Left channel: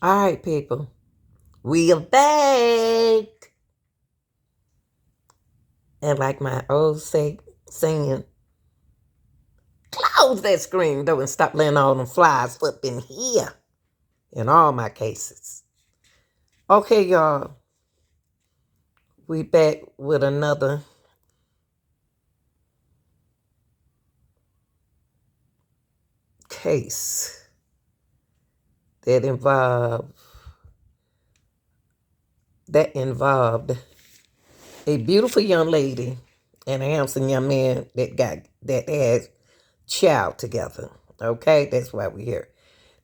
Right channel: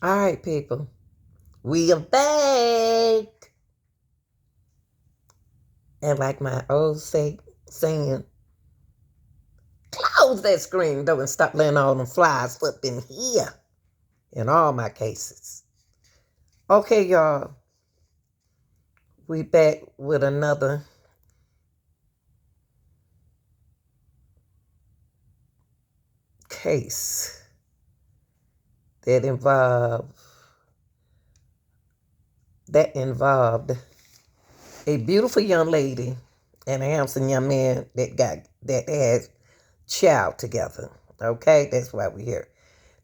All right, people. We are back. And like my old saying, close that screen door and stop letting all them flies up in here. In all my cases. Okay, y'all. We back with another case that involved a beautiful young lady and a handsome young man that had child together. Okay, that's why we're here.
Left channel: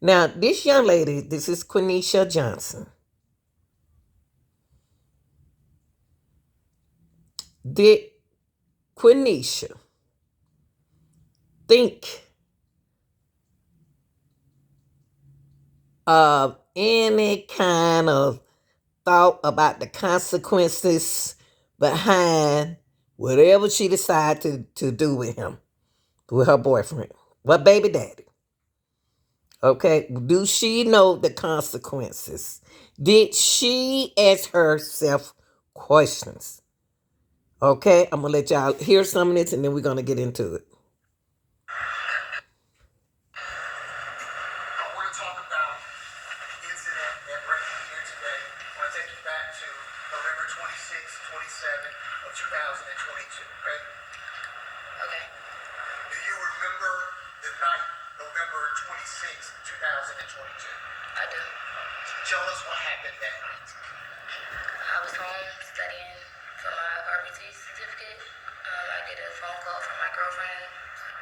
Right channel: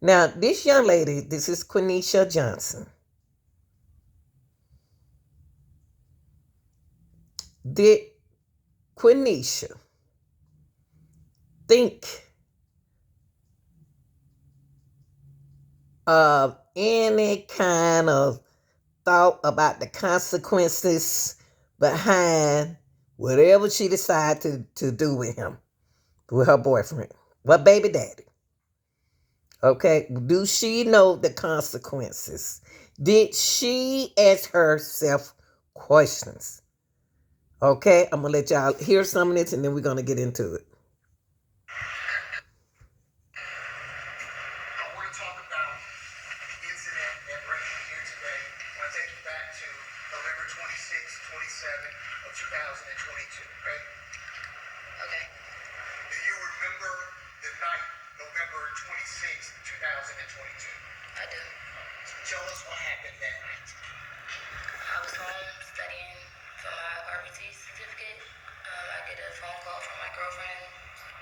Now, this young lady, this is Quaneesha Johnson. Did Quaneesha think of any kind of thought about the consequences behind whatever she decided to do with him, with her boyfriend, well, baby daddy? Okay, do she know the consequences? Did she ask herself questions? Okay, I'm gonna let y'all hear some of this and then we're gonna get into it. I want to talk about the incident that brings me here today. I want to take you back to November 26, 27 of 2022, okay? Okay. Do you remember the night, November 26, 2022? I do. Tell us what happened that night. I was home studying for my RBT certificate. I get a phone call from my girlfriend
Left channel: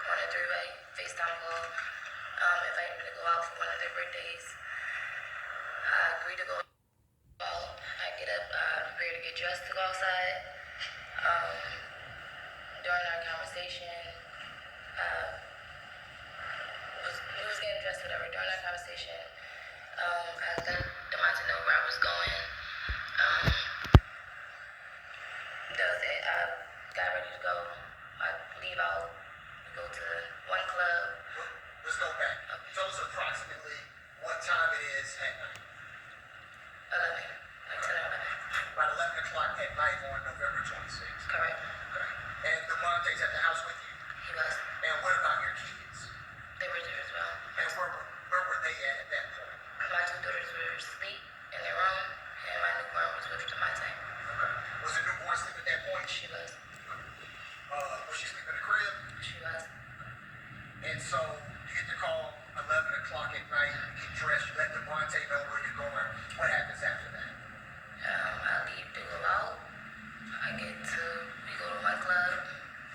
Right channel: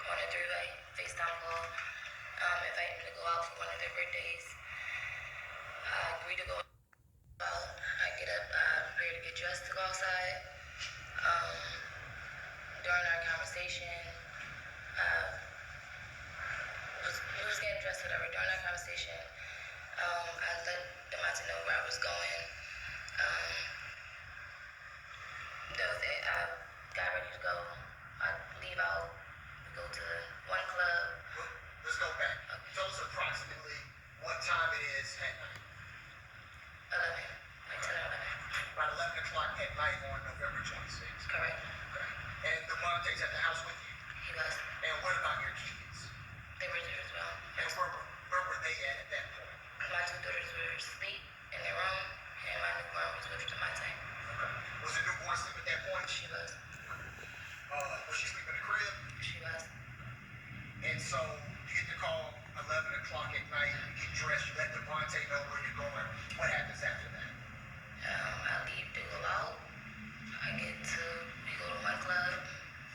on a three-way FaceTime call, inviting me to go out for one of their birthdays. I agreed to go out. I get up, prepare to get dressed to go outside. During our conversation, we was getting dressed, whatever. During our conversation, I let Demonte know where I was going. That was it. I got ready to go. I leave out. We go to one club. Let's go back. Tell us approximately what time it is at night. 11. Like 10 or 11. About 11 o'clock at night on November 26th. Correct. Okay. And Demonte's at the house with you? He was. And what about your kids? They were there as well. And where were they at that point? My two daughters were asleep in their room, and my newborn was with Demonte. Okay. Was the newborn asleep at that point? She was. Was she asleep in the crib? She was. And so you get the call 11 o'clock at night, you get dressed, you let Demonte know where you're going. What happens after that? I leave to go out. We go to one club.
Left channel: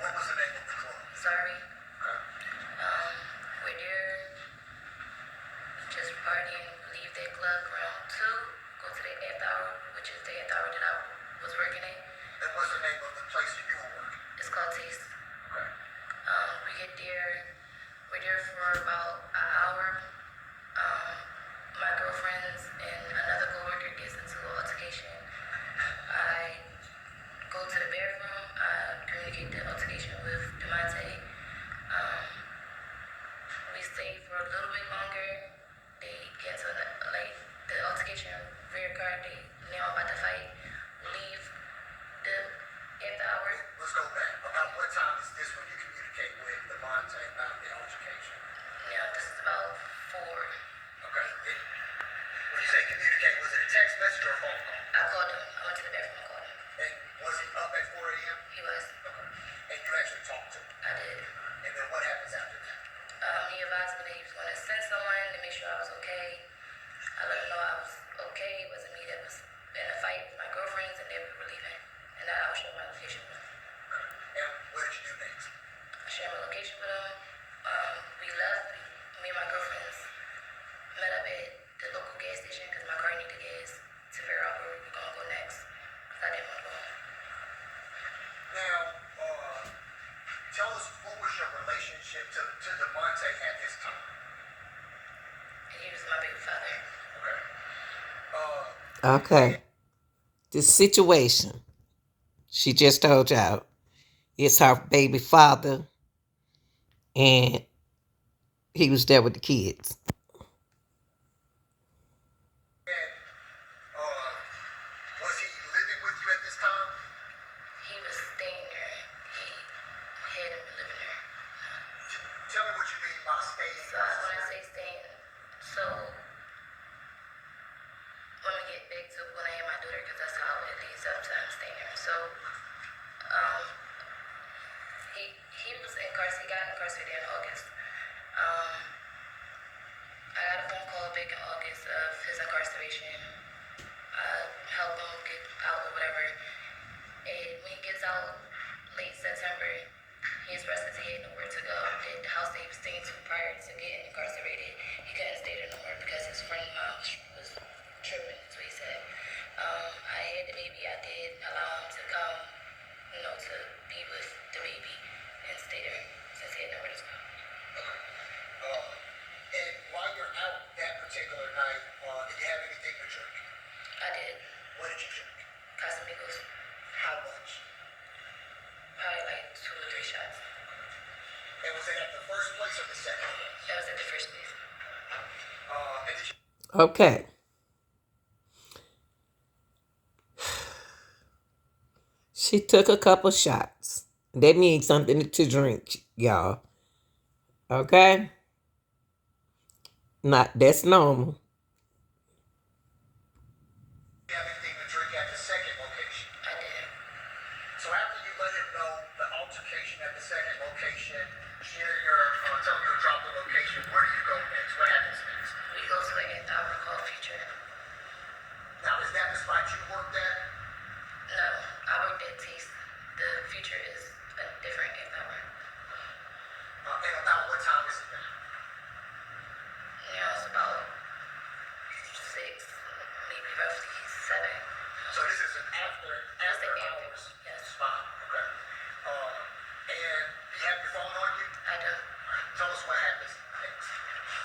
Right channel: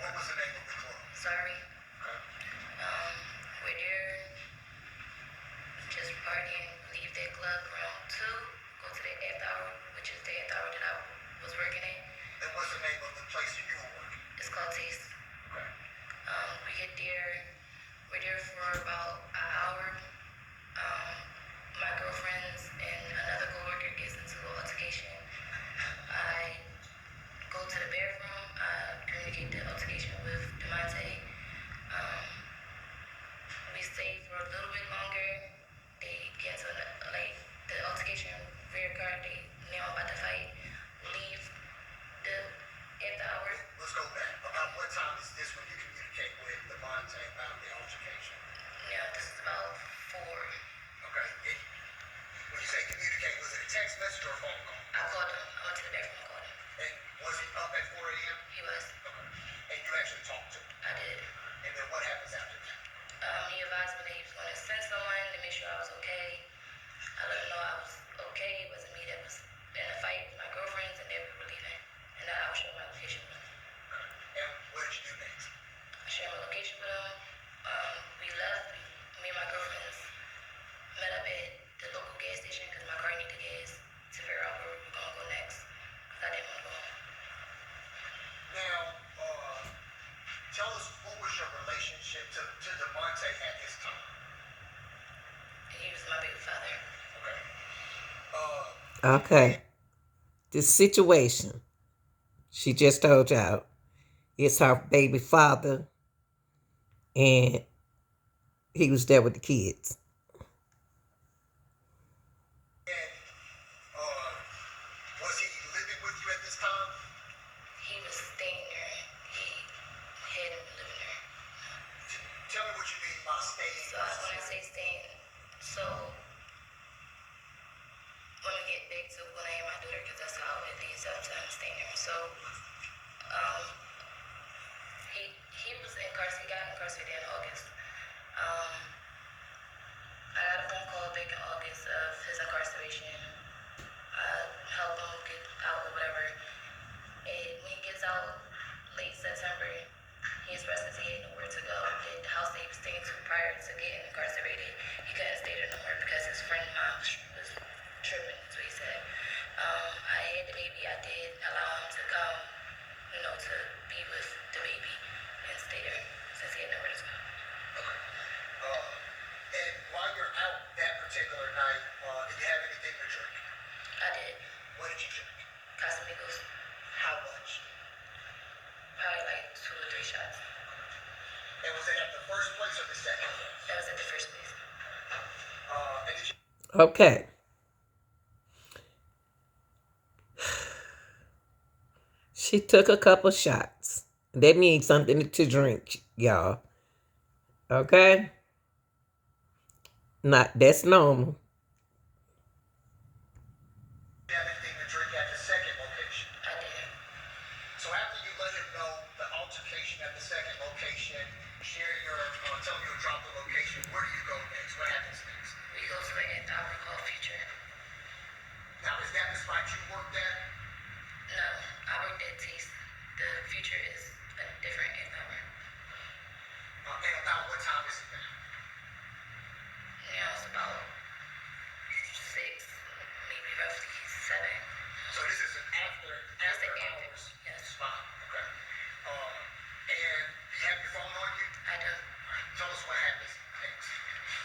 What was the name of the club? Sorry. Okay. We're there, just partying, leave that club around 2, go to the after hour, which is the after hour that I was working at. And what's the name of the place that you were working? It's called Taste. Okay. We get there, we're there for about an hour. My girlfriends and another coworker gets into an altercation. I go to the bathroom, I communicate the altercation with Demonte. We stay for a little bit longer. They get to the altercation reoccurred. They now about to fight. Leave the after hours. Let's go back. About what time is this when you communicate with Demonte about the altercation? Yeah, this is about 4. Okay. When you say communicate, was it a text message or a phone call? I called him. I went to the bathroom and called him. And was he up at 4 a.m.? He was. Okay. And you actually talked to him? I did. And then what happens after that? He advised me that he was going to send someone to make sure I was okay. I let him know I was okay. It wasn't me that was in a fight with my girlfriends and they were leaving. And that I would share my location with him. Okay. And what did you do next? I shared my location with him. We left. Me and my girlfriends met up at the local gas station because my car needed gas to figure out where we were going to go next. Because I didn't want to go home. Now, tell us, what was your relationship to Demonte at this time? He was my baby father. Okay. The situation she just told y'all is her baby father, and he was there with the kids. incarceration. Help him get out or whatever. And when he gets out late September, he expressed that he had nowhere to go. And the house that he was staying to prior to getting incarcerated, he couldn't stay there no more because his friend mom was tripping. That's what he said. I had the baby. I did allow him to come, to be with the baby and stay there since he had nowhere to go. And while you're out that particular night, did you have anything to drink? I did. What did you drink? Casamigos. How much? Probably like 2 or 3 shots. And was it at the first place or the second place? That was at the first place. And did you... Okay. She took a couple shots. That means something to drink, y'all. Okay? That's normal. Have anything to drink at the second location? I did. So after you let him know the altercation at the second location, tell him you'll drop the location, where do you go next? What happens next? We go to an hour called Future. Now, is that the spot you worked at? No, I worked at Taste. The Future is a different hour. And about what time is it now? It's about 6, maybe roughly 7. So this is an after hours spot. Okay. And you have your phone on you? I do. Tell us what happens next.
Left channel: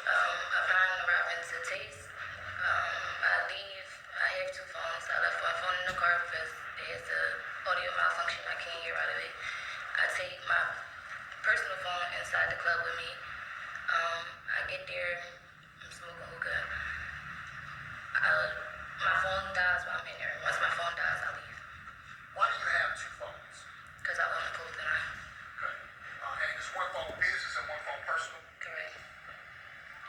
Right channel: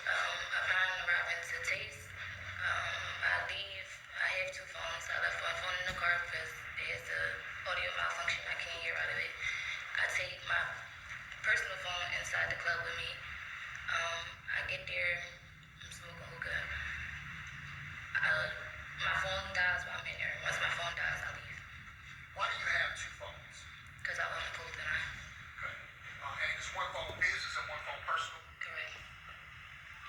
Upon arriving to Taste, I leave. I have 2 phones. I left my phone in the car because it has the audio malfunction. I can't hear out of it. I take my personal phone inside the club with me. I get there. I'm smoking hookah. My phone dies while I'm in there. Once my phone dies, I leave. Why do you have 2 phones? Because I want to pull the knife. Okay. And is one phone business and one phone personal? Correct.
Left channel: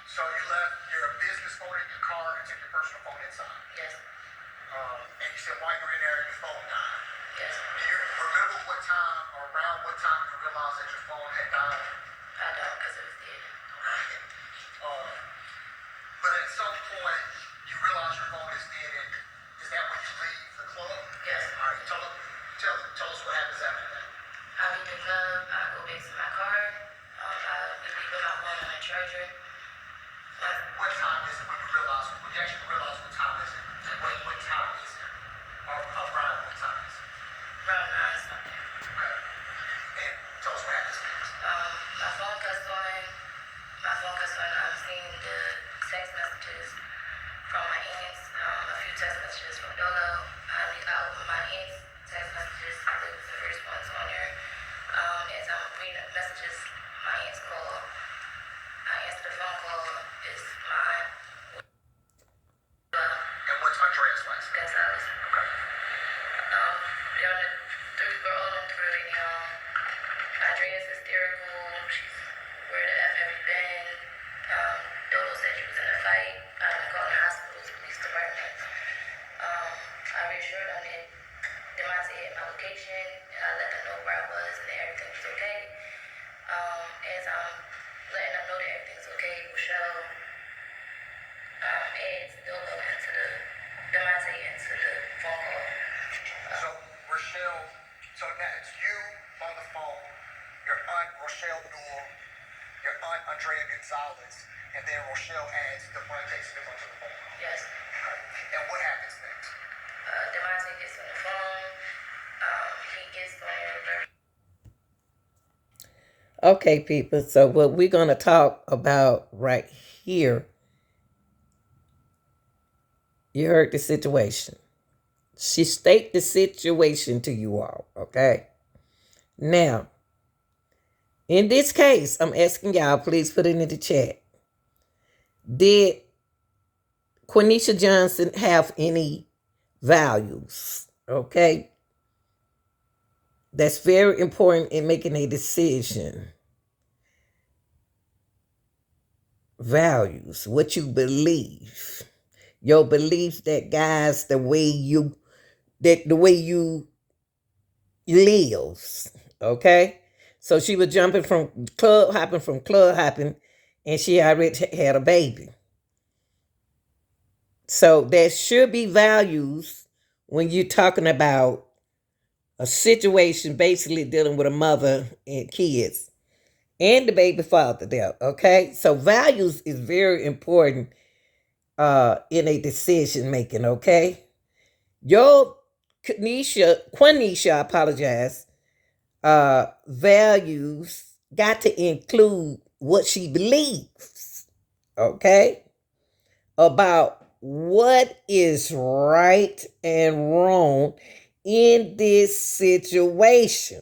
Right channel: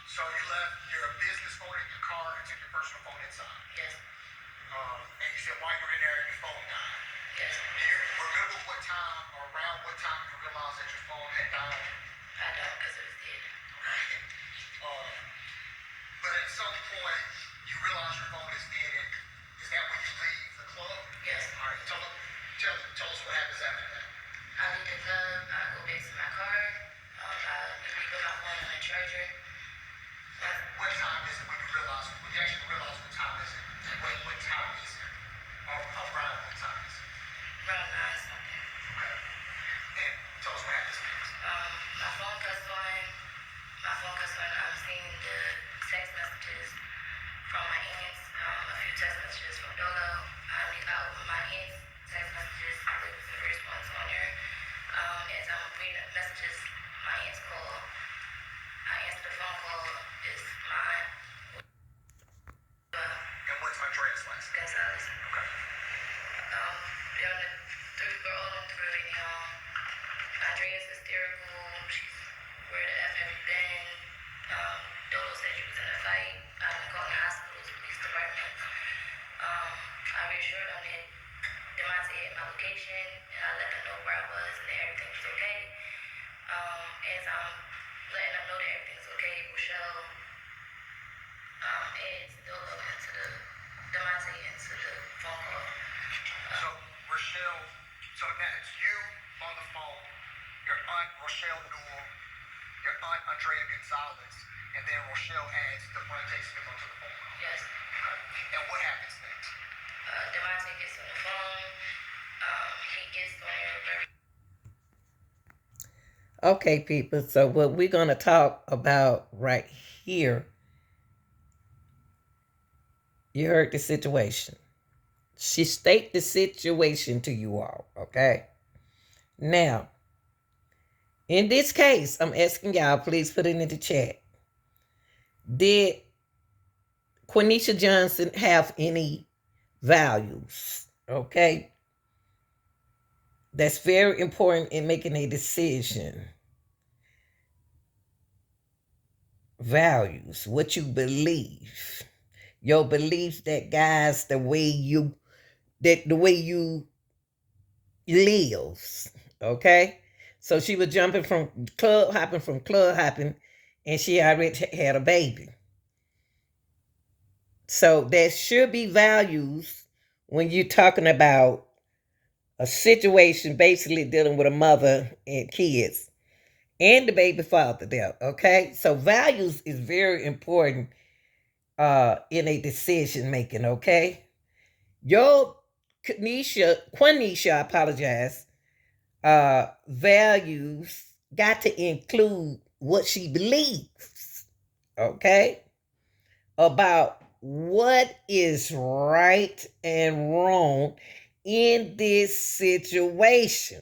So you left your business phone in your car and took your personal phone inside? Yes. And you said while you were in there, your phone died? Yes. Do you remember what time or around what time you realized that your phone had died? I don't, because it was dead. Okay. But at some point, you realize your phone is dead, and is that when you leave the club? Yes. All right, tell us what happens after that. I leave the club, I go back to my car, I leave with my phone on the charger. What time is it when you actually realize what time is it? What time is it? Or around what time is it? Around 9 something. Okay. And tell us what happens next. My phone cuts on. I'm seeing the text messages from my aunts, a few text messages from Dolo. I read out my aunts' text messages. I look at the first ones on there. As I'm reading the messages, my aunts call. I answer the phone call. It's mine. And what's Andrea's last name? Gonzalez. Okay. We're all in through right now. Andrea's hysterical. She's, where the F have you been? Dodo said you was in a fight. I've been calling hospitals, police department. I reassured them that Demonte had my location, and I let them know where I was and that everything was okay. As I'm letting them know that everything's okay, Rochelle adds Dodo into the Demonte into the phone call. So Rochelle, so now it's you on the phone, your aunt Rochelle Newell, your aunt Andrea Gonzalez, and then Rochelle adds the Demonte Smith onto the phone call. Yes. Okay. And what happens next? Demonte gets on the phone. He gets on there. Okay, people. So what we're going to talk about right here, you heard the situation. She stated the situation to you all, okay? Now, in this case, I'm asking y'all, please put it in the chat. Did Quaneesha Johnson have any values? Okay? That's very important in making a decision. Values, what you believe. Your belief that guys, the way you lives. Okay? So she was jumping from club hopping, and she already had a baby. So there should be values when you're talking about a situation basically dealing with a mother and kids and the baby father there. Okay. So values is very important in a decision making, okay? Your Quaneesha, I apologize, values got to include what she believes, okay? About what is right and wrong in this situation.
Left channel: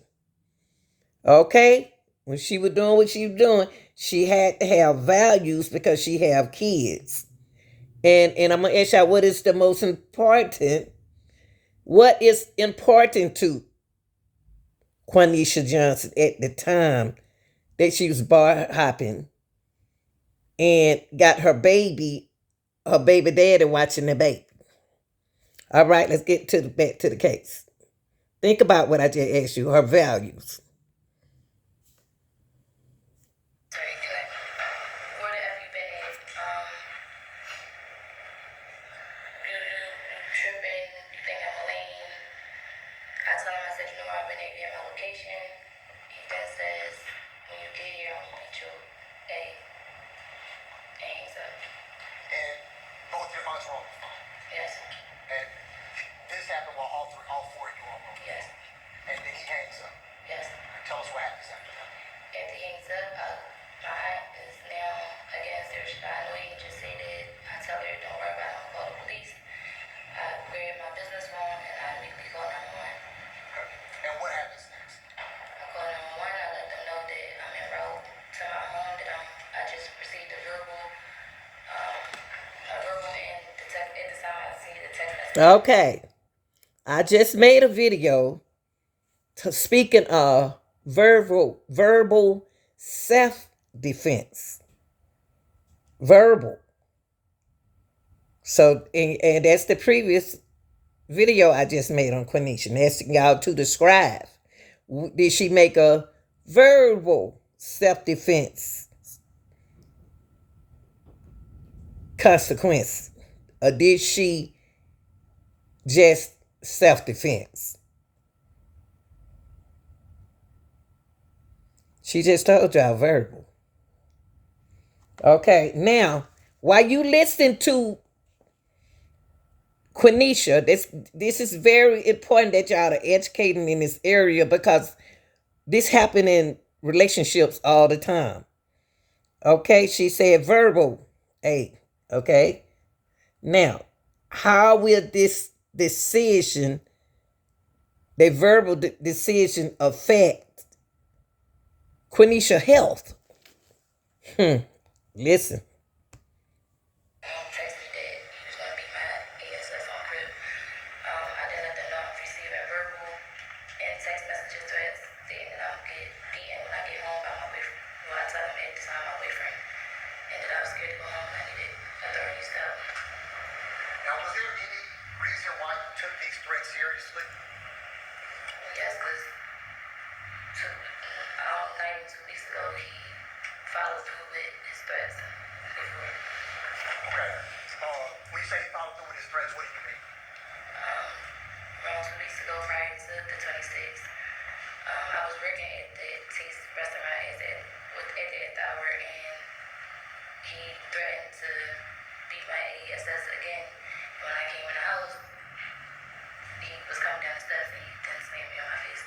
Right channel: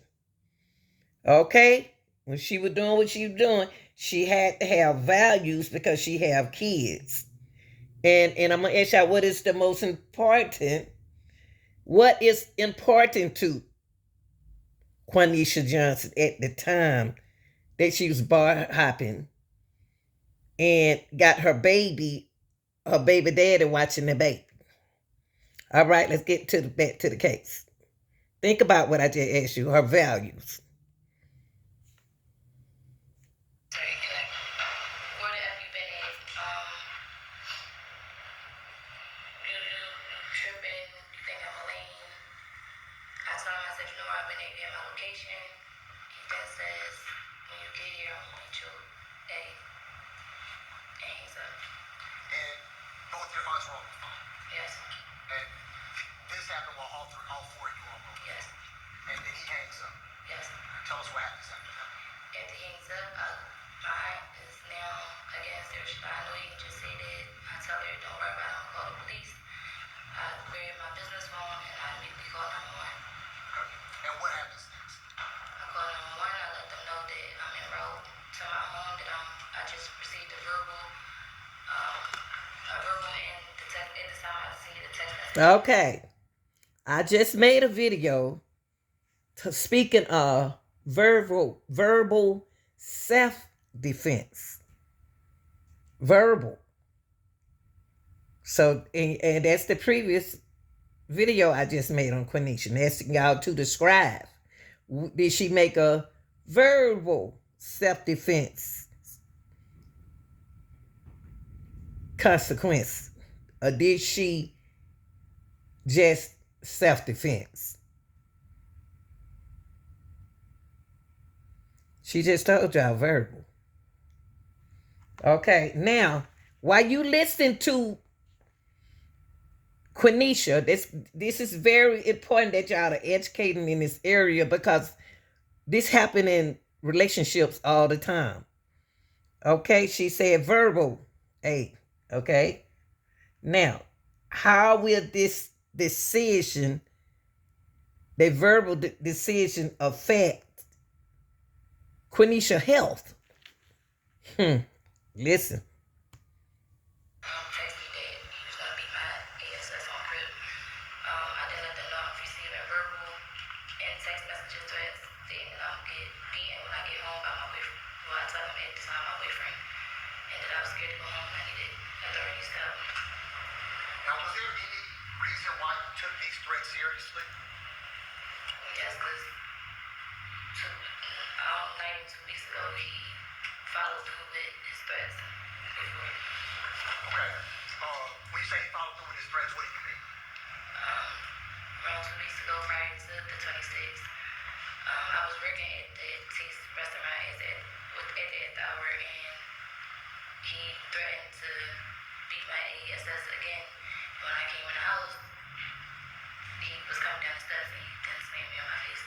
Okay? When she was doing what she was doing, she had to have values because she have kids. And I'm gonna ask y'all what is the most important. What is important to Quaneesha Johnson at the time that she was bar hopping and got her baby daddy watching the baby. All right, let's get to the back to the case. Think about what I just asked you, her values. I told him, I said, you know, I've been able to get my location. He then says, when you get here, I'm going to meet you at 8. And he's up. And both your aunts were on the phone? Yes. And this happened while all four of you were on the phone? Yes. And then he hangs up? Yes. Tell us what happens after that. After he hangs up, my aunt is now against her. I know he just said it. I tell her, don't worry about it, I'm going to call the police. I grab my business phone and I immediately call 911. And what happens next? I call 911. I let them know that I'm en route to my home. That I just received a verbal, and the text. At the time I see the text message. Okay. I just made a video to speaking of verbal self-defense. Verbal. So and that's the previous video I just made on Quaneesha. Asking y'all to describe. Did she make a verbal self-defense consequence? Or did she just self-defense? She just told y'all verbal. Okay, now, while you listen to Quaneesha, this is very important that y'all are educating in this area because this happen in relationships all the time. Okay, she said verbal. Hey, okay. Now, how will this decision, the verbal decision, affect Quaneesha health? Listen. Texted that he was going to be my ASS on crib. I then let them know I'm receiving verbal and text messages threats saying that I'm get beaten when I get home by my boyfriend. Well, I told him at the time my boyfriend, and that I was scared to go home and I needed authorities to help me. Now, was there any reason why you took these threats seriously? Yes, because 2 weeks ago, he followed through with his threats before. Okay. When you say he followed through with his threats, what do you mean? Around 2 weeks ago, prior to the 26th, I was working at the Taste restaurant at the hour, and he threatened to beat my ASS again. When I came in the house, he was coming down the steps and he then slammed me on my face.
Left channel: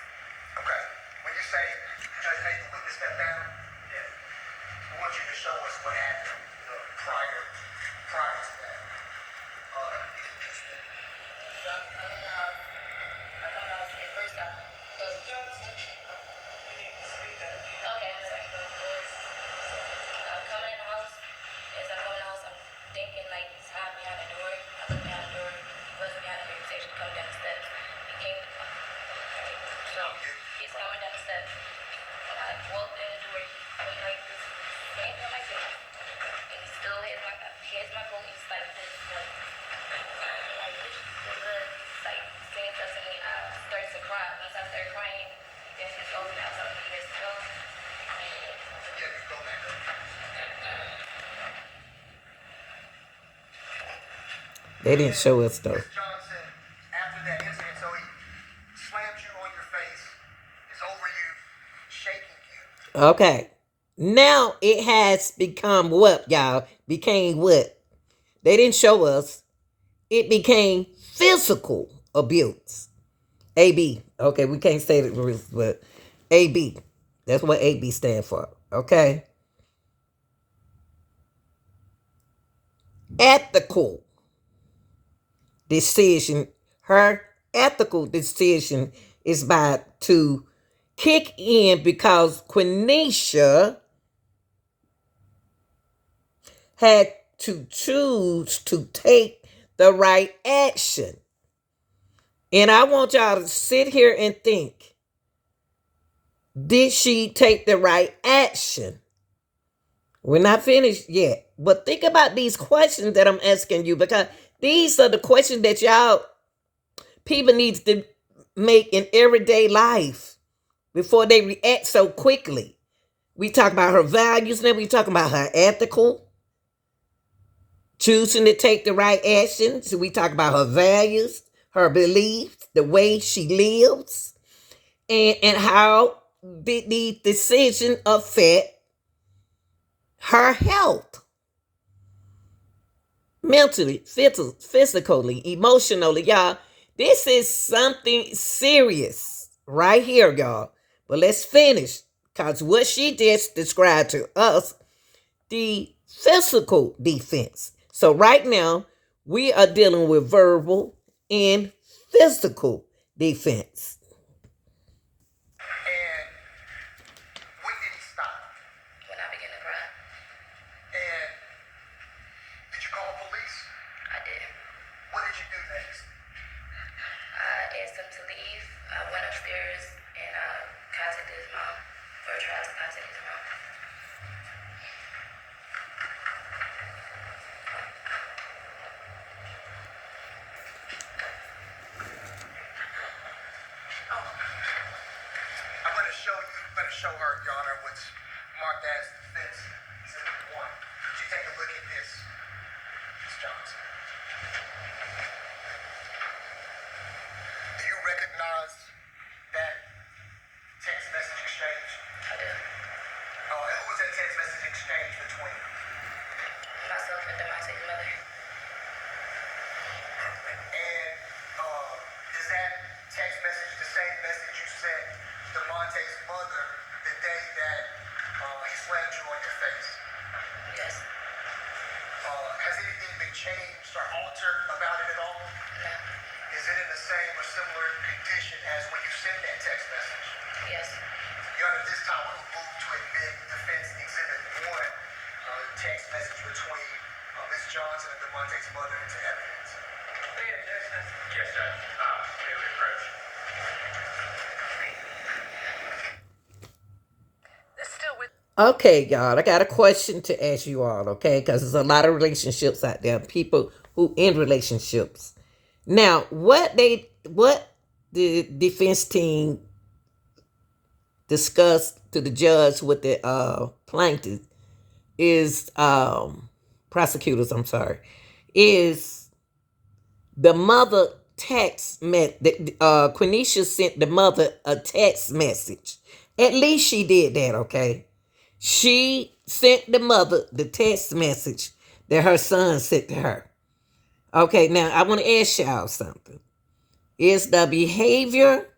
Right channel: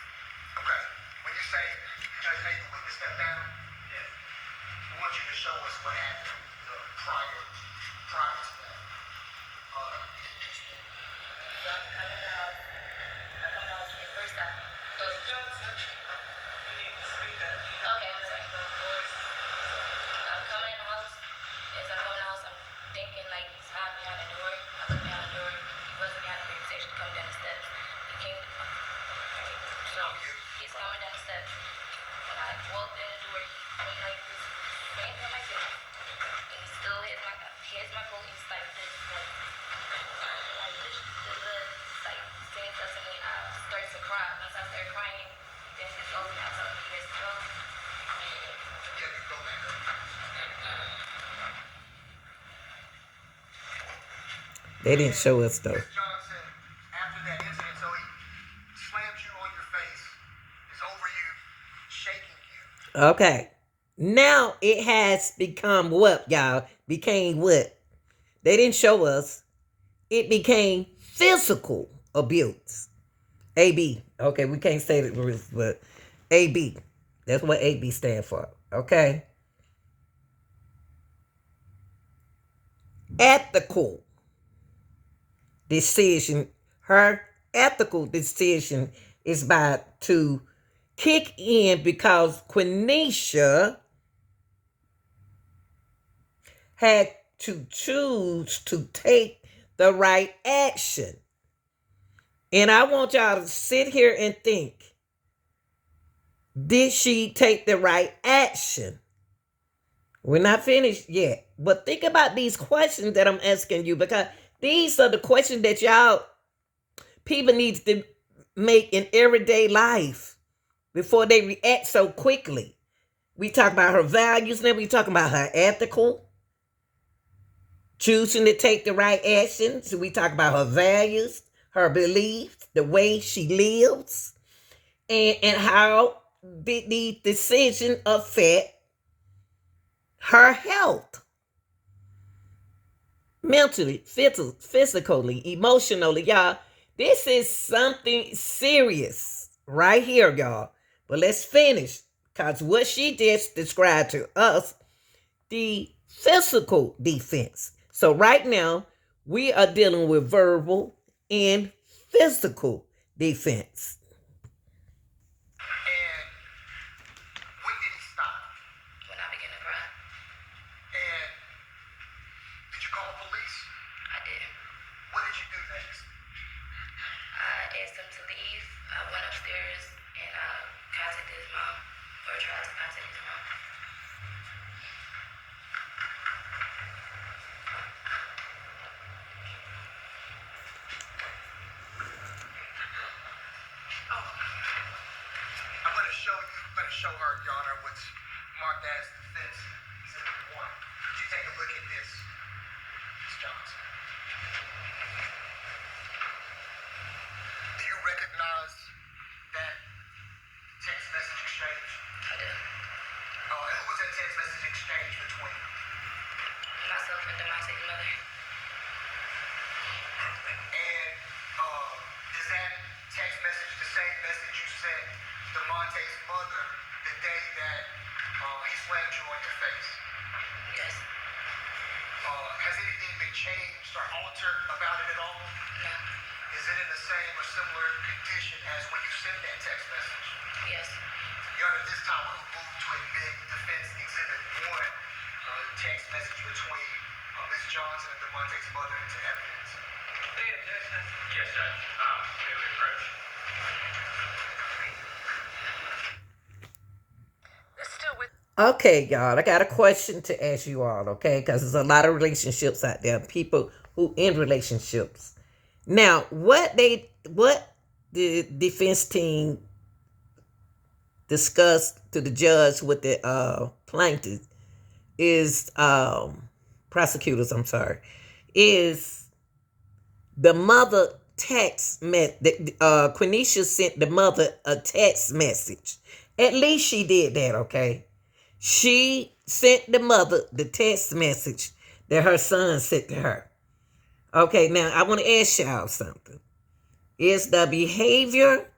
Okay. When you say, Judge, hey, the witness stepped down, yeah. I want you to show us what happened prior to that. They didn't show us though. Miss Johnson, after that incident, so he slammed you on your face, is over you, shaking you. Okay. Now it has become what, y'all? Became what? They didn't show us. It became physical abuse. AB. Okay, we can't say it, but AB. That's what AB stand for. Okay. Ethical decision. Her ethical decision is about to kick in because Quaneesha had to choose to take the right action. And I want y'all to sit here and think, did she take the right action? We're not finished yet. But think about these questions that I'm asking you, because these are the questions that y'all people need to make in everyday life before they react so quickly. We talk about her values, now we talking about her ethical, choosing to take the right action. So we talk about her values, her beliefs, the way she lives, and how the decision affect her health. Mentally, physically, emotionally, y'all. This is something serious right here, y'all. But let's finish, because what she just described to us, the physical defense. So right now, we are dealing with verbal and physical defense. And when did he stop? When I began to cry, And did you call police? I did. What did you do next? I asked him to leave. I went upstairs and I contacted his mom, or tried to contact his mom. I'm going to show her, Your Honor, what's marked as defense exhibit 1. Could you take a look at this, Ms. Johnson? Do you recognize that text message exchange? I did. And who was that text message exchange between? Myself and Demonte's mother. And is that text message the same message you sent DeMonte's mother the day that he slammed you on your face? Yes. Has anything been changed or altered about it at all? No. Is it in the same or similar condition as when you sent that text message? Yes. Your Honor, this time we will move to admit defense exhibit 1, text message between Ms. Johnson and DeMonte's mother into evidence. Yes, Judge. Clearly approach. Okay, y'all, I got a question to ask you all, okay? Because there's a lot of relationships out there, people who in relationships. Now, what the defense team discussed to the judge with the plaintiff is prosecutors, I'm sorry, is the mother text Quaneesha sent the mother a text message. At least she did that, okay? She sent the mother the text message that her son sent to her. Okay, now I want to ask y'all something. Is the behavior,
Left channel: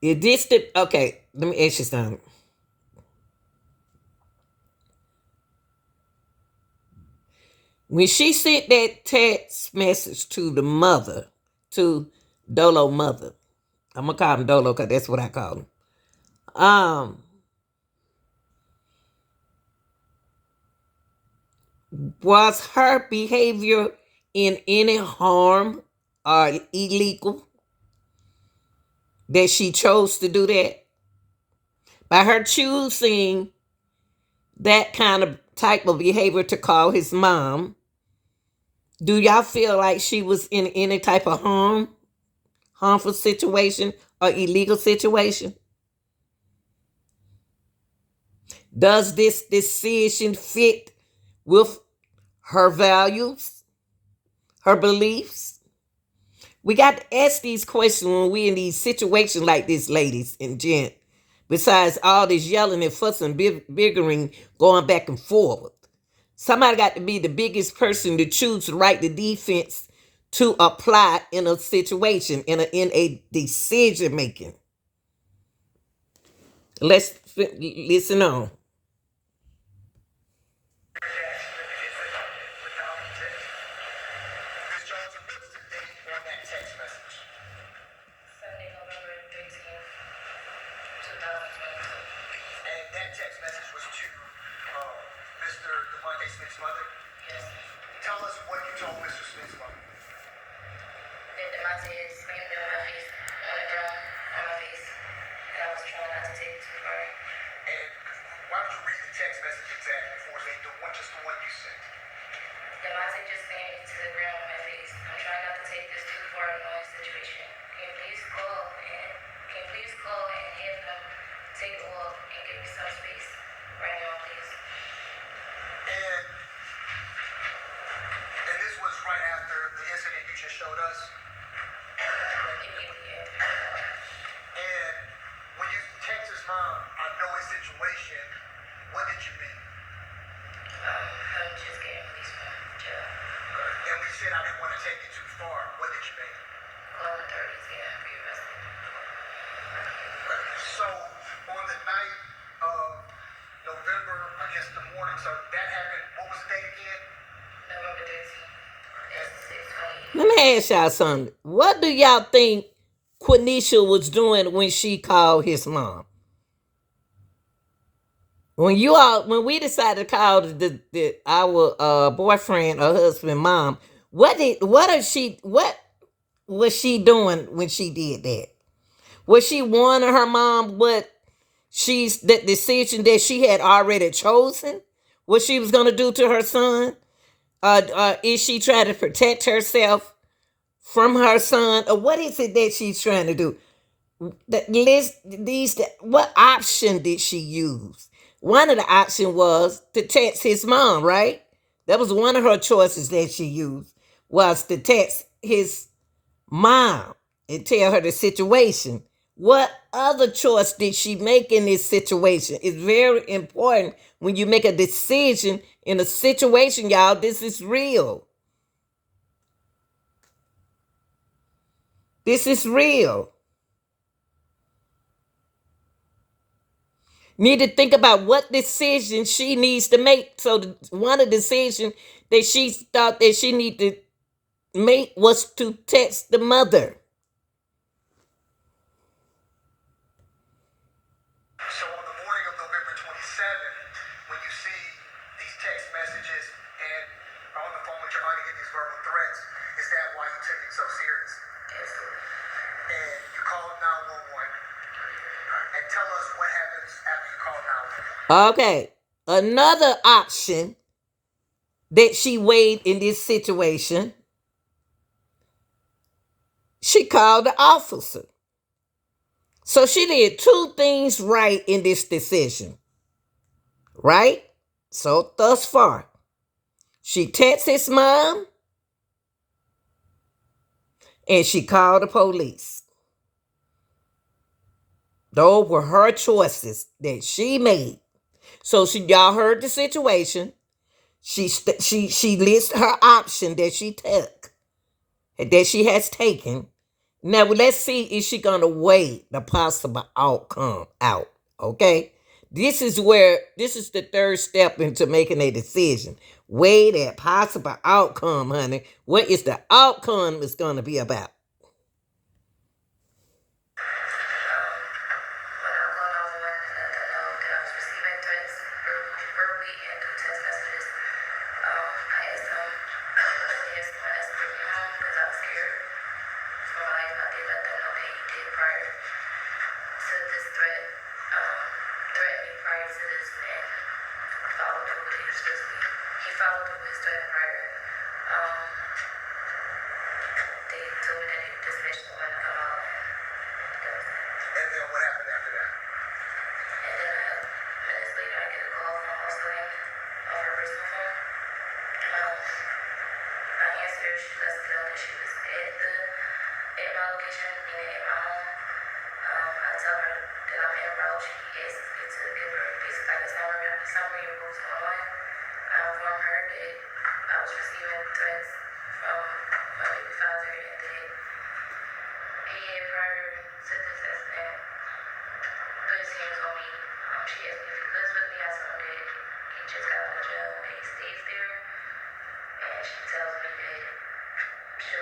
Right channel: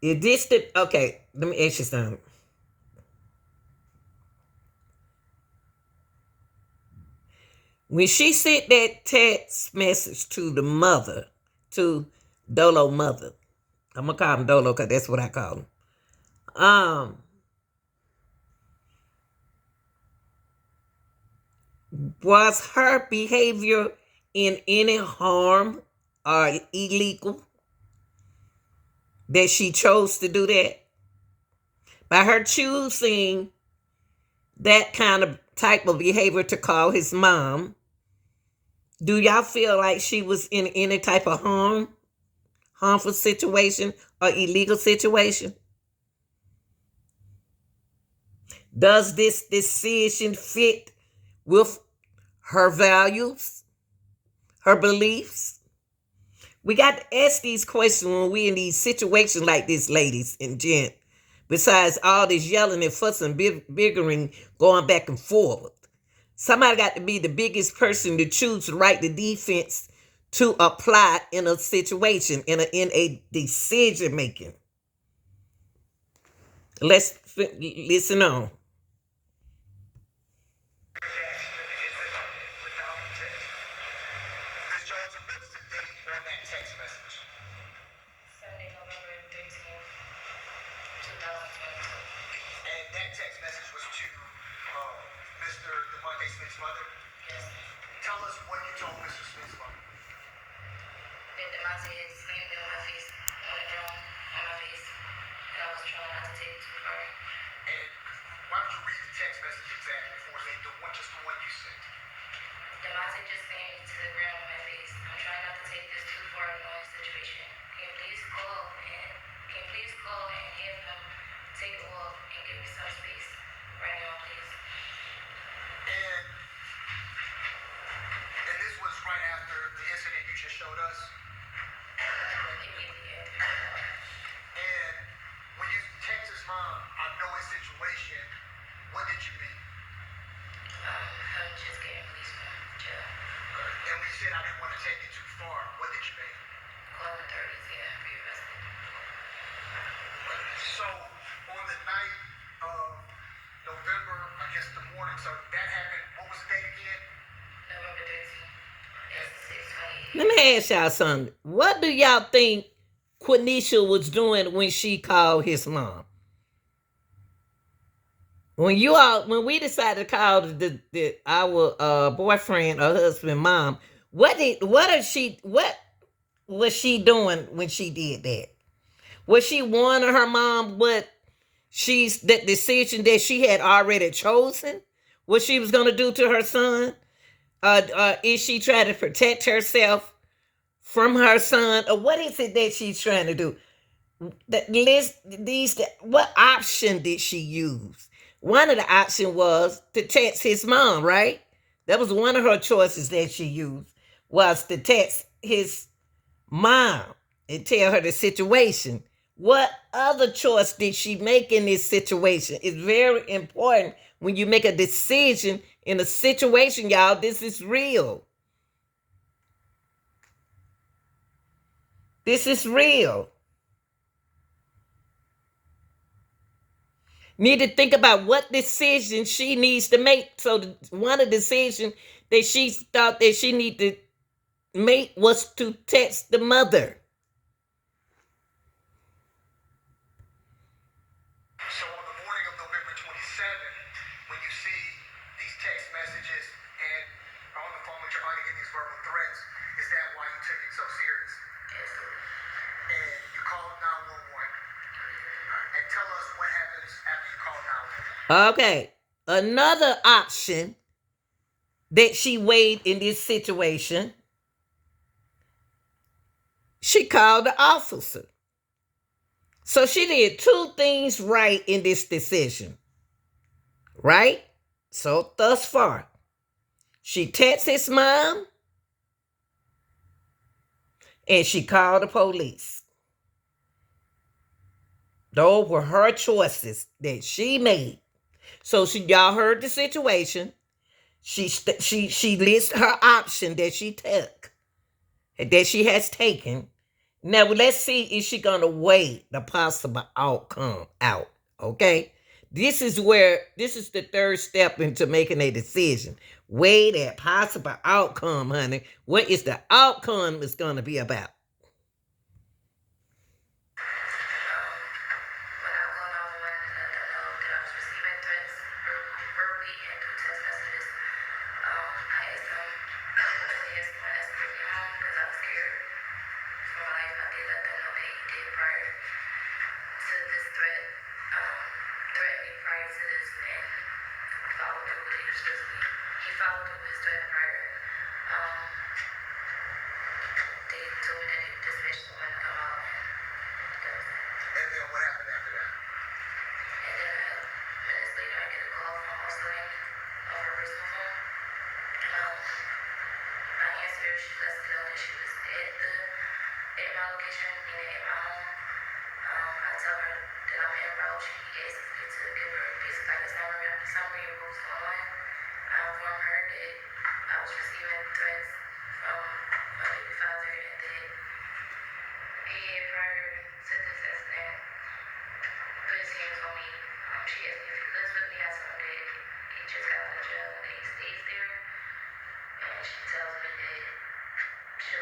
is this the, okay, let me ask you something. When she sent that text message to the mother, to Dolo mother, I'm going to call him Dolo because that's what I call him. Was her behavior in any harm or illegal that she chose to do that? By her choosing that kind of type of behavior to call his mom, do y'all feel like she was in any type of harmful situation or illegal situation? Does this decision fit with her values, her beliefs. We got to ask these questions when we in these situations like this, ladies and gent. Besides all this yelling and fussing, bickering, going back and forth. Somebody got to be the biggest person to choose to write the defense to apply in a situation, in a decision making. Let's listen on. Ms. Jones, what's the date on that text message? Sunday, November 13th, 2022. And that text message was to Mr. DeMonte Smith's mother? Yes. Tell us what you told Mr. Smith's mother. That Demonte had screamed in my face, on the ground, on my face. And I was trying not to take it too far. And why don't you read the text message exactly for us? Just the one you sent. Demonte just saying to the ground on my face, I'm trying not to take this too far in my situation. Can you please call and have him take a walk and give me some space right now, please? And this was right after the incident you just showed us. Immediately after. And when you text his mom, I know his situation, what did you mean? I'm just getting released from jail. And we said I didn't want to take you too far. What did you mean? Call authorities, yeah, be arrested. So on the night of November, I guess the morning, so that happened, what was the date again? November 13th. It's 6:28. Let me ask y'all something. What do y'all think Quaneesha was doing when she called his mom? When we decided to call our boyfriend or husband mom, what was she doing when she did that? Was she warning her mom what the decision that she had already chosen? What she was going to do to her son? Is she trying to protect herself from her son, or what is it that she's trying to do? What option did she use? One of the options was to text his mom, right? That was one of her choices that she used, was to text his mom and tell her the situation. What other choice did she make in this situation? It's very important when you make a decision in a situation, y'all. This is real. This is real. Need to think about what decision she needs to make. So one of the decisions that she thought that she needed to make was to text the mother. So on the morning of November 27th, when you see these text messages and are on the phone with your aunt and get these verbal threats, is that why you took it so serious? And you called 911. And tell us what happens after you call 911. Okay. Another option that she weighed in this situation, she called the officer. So she did two things right in this decision. Right? So thus far, she texted his mom and she called the police. Those were her choices that she made. So y'all heard the situation. She lists her option that she took, that she has taken. Now let's see if she gonna weigh the possible outcome out. Okay, this is the third step into making a decision. Weigh that possible outcome, honey. What is the outcome is gonna be about? They told me that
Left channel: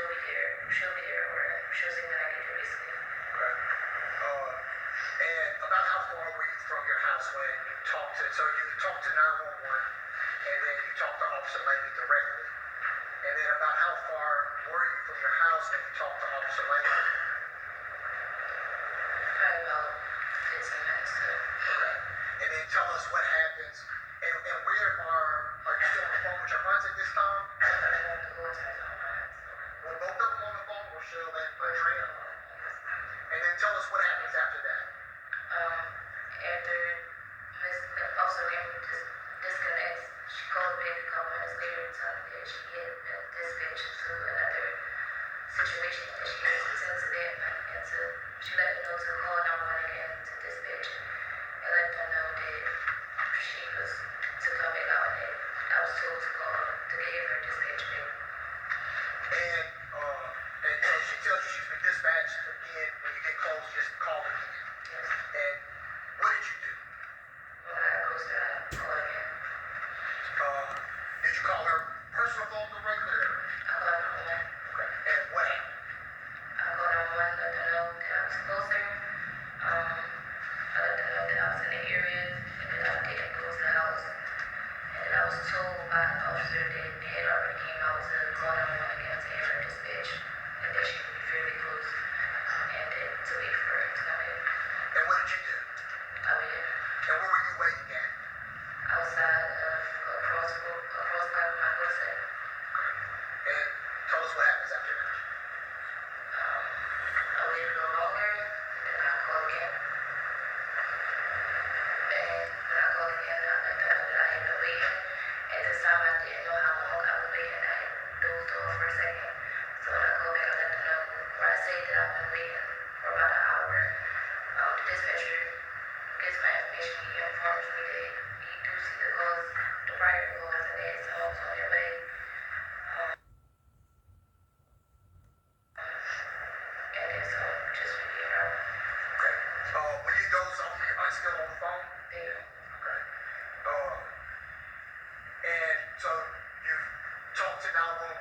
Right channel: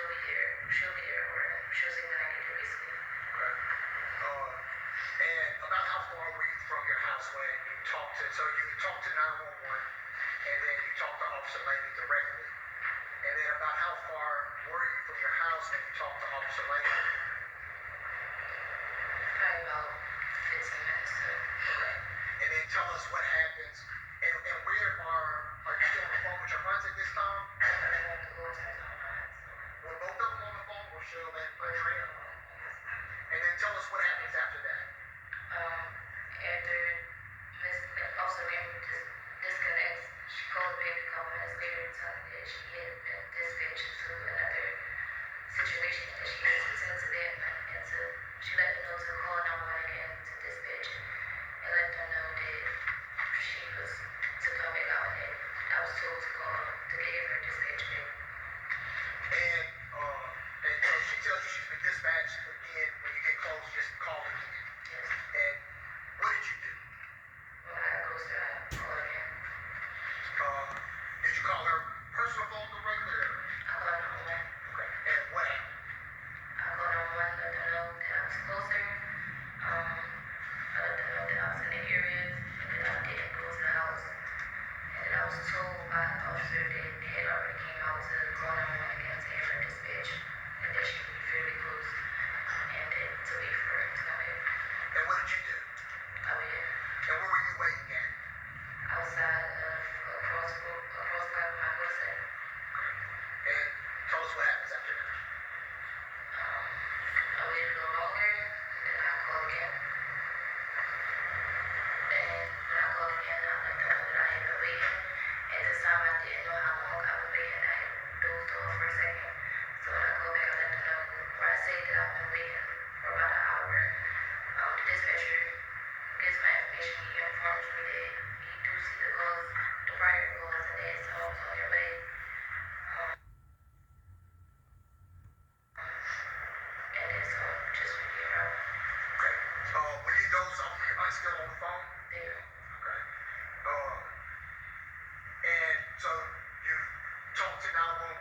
she'll be here, or she'll see when I get there, basically. Okay. And about how far were you from your house when you talked to, so you talked to 911 and then you talked to Officer Laney directly. And then about how far were you from your house when you talked to Officer Laney? Probably about 15 minutes to. Okay. And then tell us what happens. And where are you still on the phone with your aunts at this time? Were both of them on the phone or Cheryl and Andrea? And then tell us what happens after that. After Miss Officer Lane disconnects, she called back a couple minutes later telling me that she had been dispatched to another situation that she had to tend to that night, and she let them know to call 911 again to dispatch and let them know that she was to come back out, and that I was told to call to give her dispatch back. And so she tells you she's been dispatched again. When you get close, just call her again. Yes. And what did you do? When I got close to her, I called again. Did you call her personal phone directly? I called 911. Okay. And what happened? I called 911, let them know that I was closer. I let them know that I was in the area and that I didn't go to the house. And that I was told by an officer that they had already came out to call 911 again to have her dispatch, and that she would be fairly close, and that to wait for her to come in. And what did you do? I waited And where were you waiting at? outside of across by my doorstep. And tell us what happens after that. I waited a little longer, and then I called again. And when I called again, I let them know that I had been waiting. At this time, I didn't know how long I was waiting. I dozed off for a second. So when I called back, I let them know where I say that I've been waiting for about an hour. The dispatcher gets my information. He informs me that he do see the calls, the prior calls, and that someone was on their way. And then so just be around Okay. When you doze off, your aunt's still on the phone? there. Okay. And so you talked to 911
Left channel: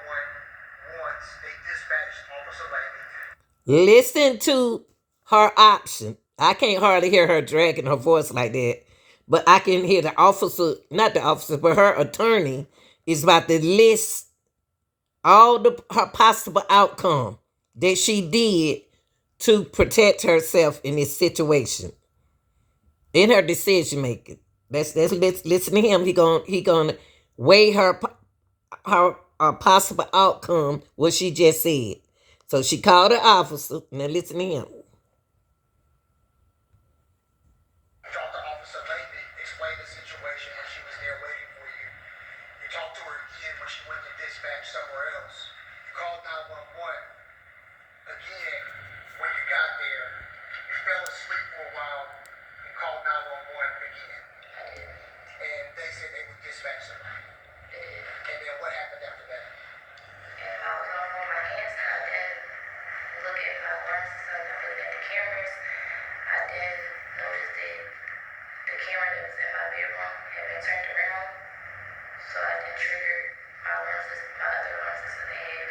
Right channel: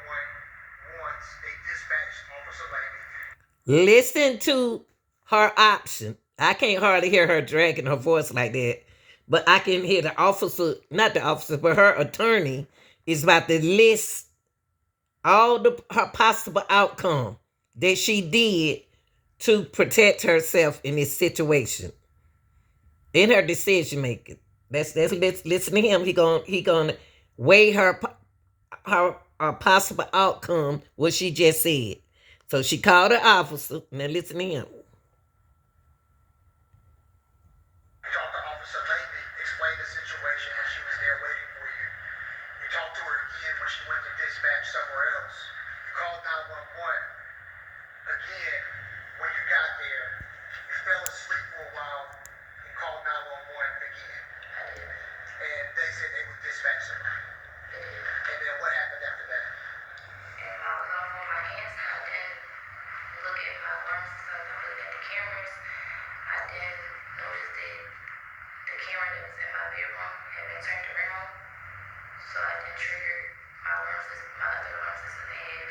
once. They dispatched Officer Laney. Listen to her option. I can't hardly hear her dragging her voice like that, but I can hear the officer, not the officer, but her attorney is about to list all her possible outcome that she did to protect herself in this situation in her decision making. Let's listen to him. He gonna weigh her possible outcome, what she just said. So she called her officer. Now listen to him. Talked to Officer Laney, explained the situation when she was there waiting for you. You talked to her again when she went to dispatch somewhere else. You called 911 again when you got there. You fell asleep for a while and called 911 again. I did. And they said they would dispatch somebody. They did. And then what happened after that? And I was on my hands. I didn't look at my lenses. I looked at the cameras. I didn't notice that the camera that was in my bedroom had been turned around. So I didn't trigger my lenses, my other lenses, and have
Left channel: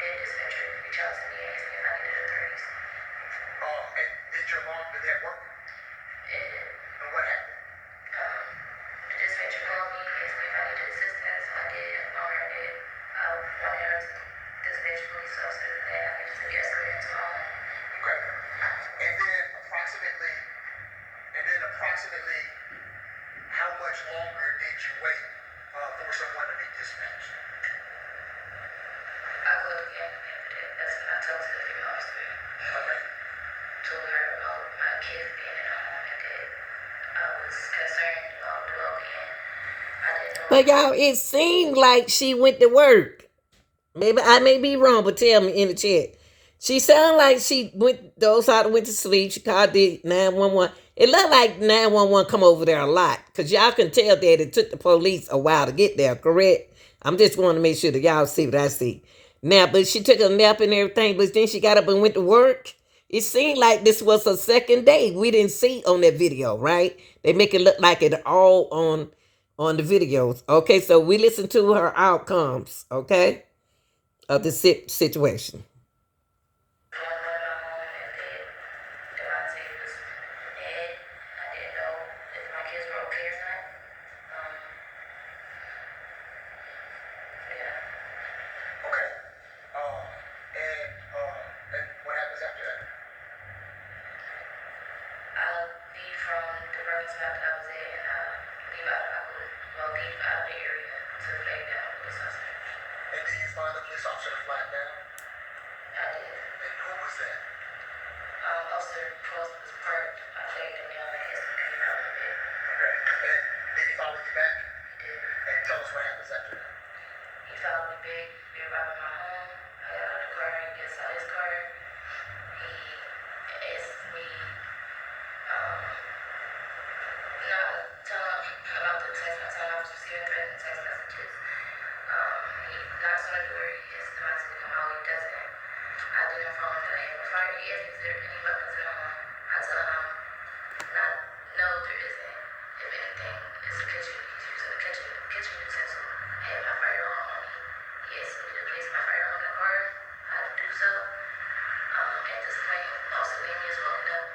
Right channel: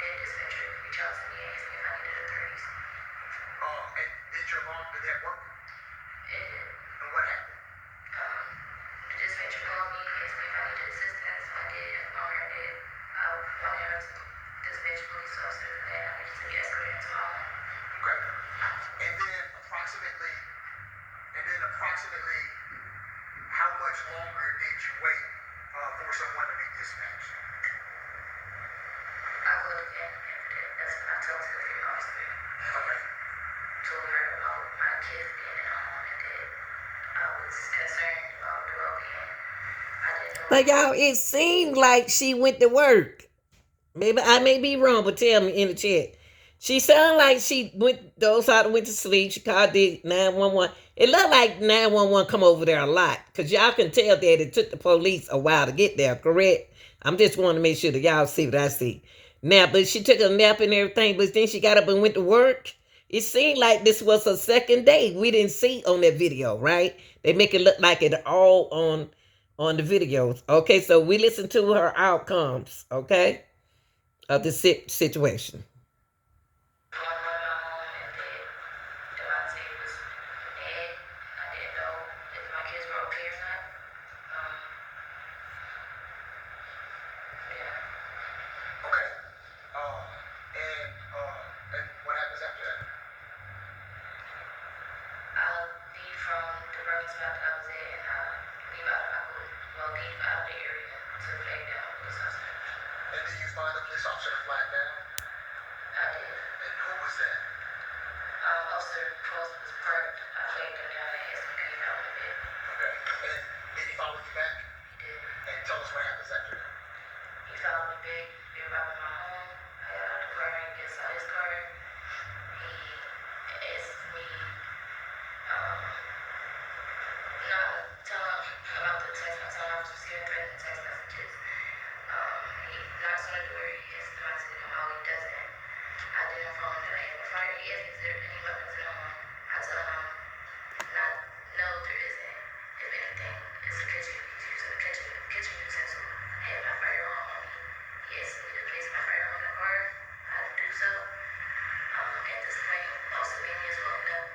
that dispatcher reach out to me and ask me if I needed authorities. And did your alarm, did that work? It did. And what happened? The dispatcher called me, asked me if I needed assistance. I did inform her that I wanted her to dispatch police officers and that I needed to be escorted into my home. Okay. And then approximately how much longer did you wait for someone to be dispatched? I called again after that. That's when I talked to the female officer. Okay. Told her about my kids being in the home and that I was concerned about the well-being. I didn't know. But y'all, it seemed like she went to work. Maybe I may be wrong, but tell me in the chat. She sounded like she dozed out and went to sleep. She called the 911. It looked like 911 come over there a lot, because y'all can tell that it took the police a while to get there, correct? I'm just wanting to make sure that y'all see what I see. Now, but she took a nap and everything, but then she got up and went to work. It seemed like this was her second day. We didn't see on that video, right? They make it look like it all on the videos. Okay, so we listen to her outcomes, okay? of the situation. Okay. And what happens after that? I leave from the Burger spot that I was at, and I leave out. I go well leave out of the area to the flag down police officer. And did you find the police officer to flag down? I did. And who was that? Officer Cross was parked. I flagged him down and he came out of it. Okay. And did he follow you back? He did. And tell us what happens after that. He followed me back. We arrived at my home. I got out of the car. He gets out of his car. He asked me, not tell him about the text. I told him I was receiving threatening text messages. He knocks on the door. He asks him, I said, no, he doesn't. I didn't inform him that I have a fire. He asked me, is there any weapons in the home? I told him, not, no, there isn't. If anything, it's a kitchen. He's using a kitchen utensil. I had my firearm on me. He asked me to place my firearm in the car. I had to do so. At this point, also Amy is rolling up.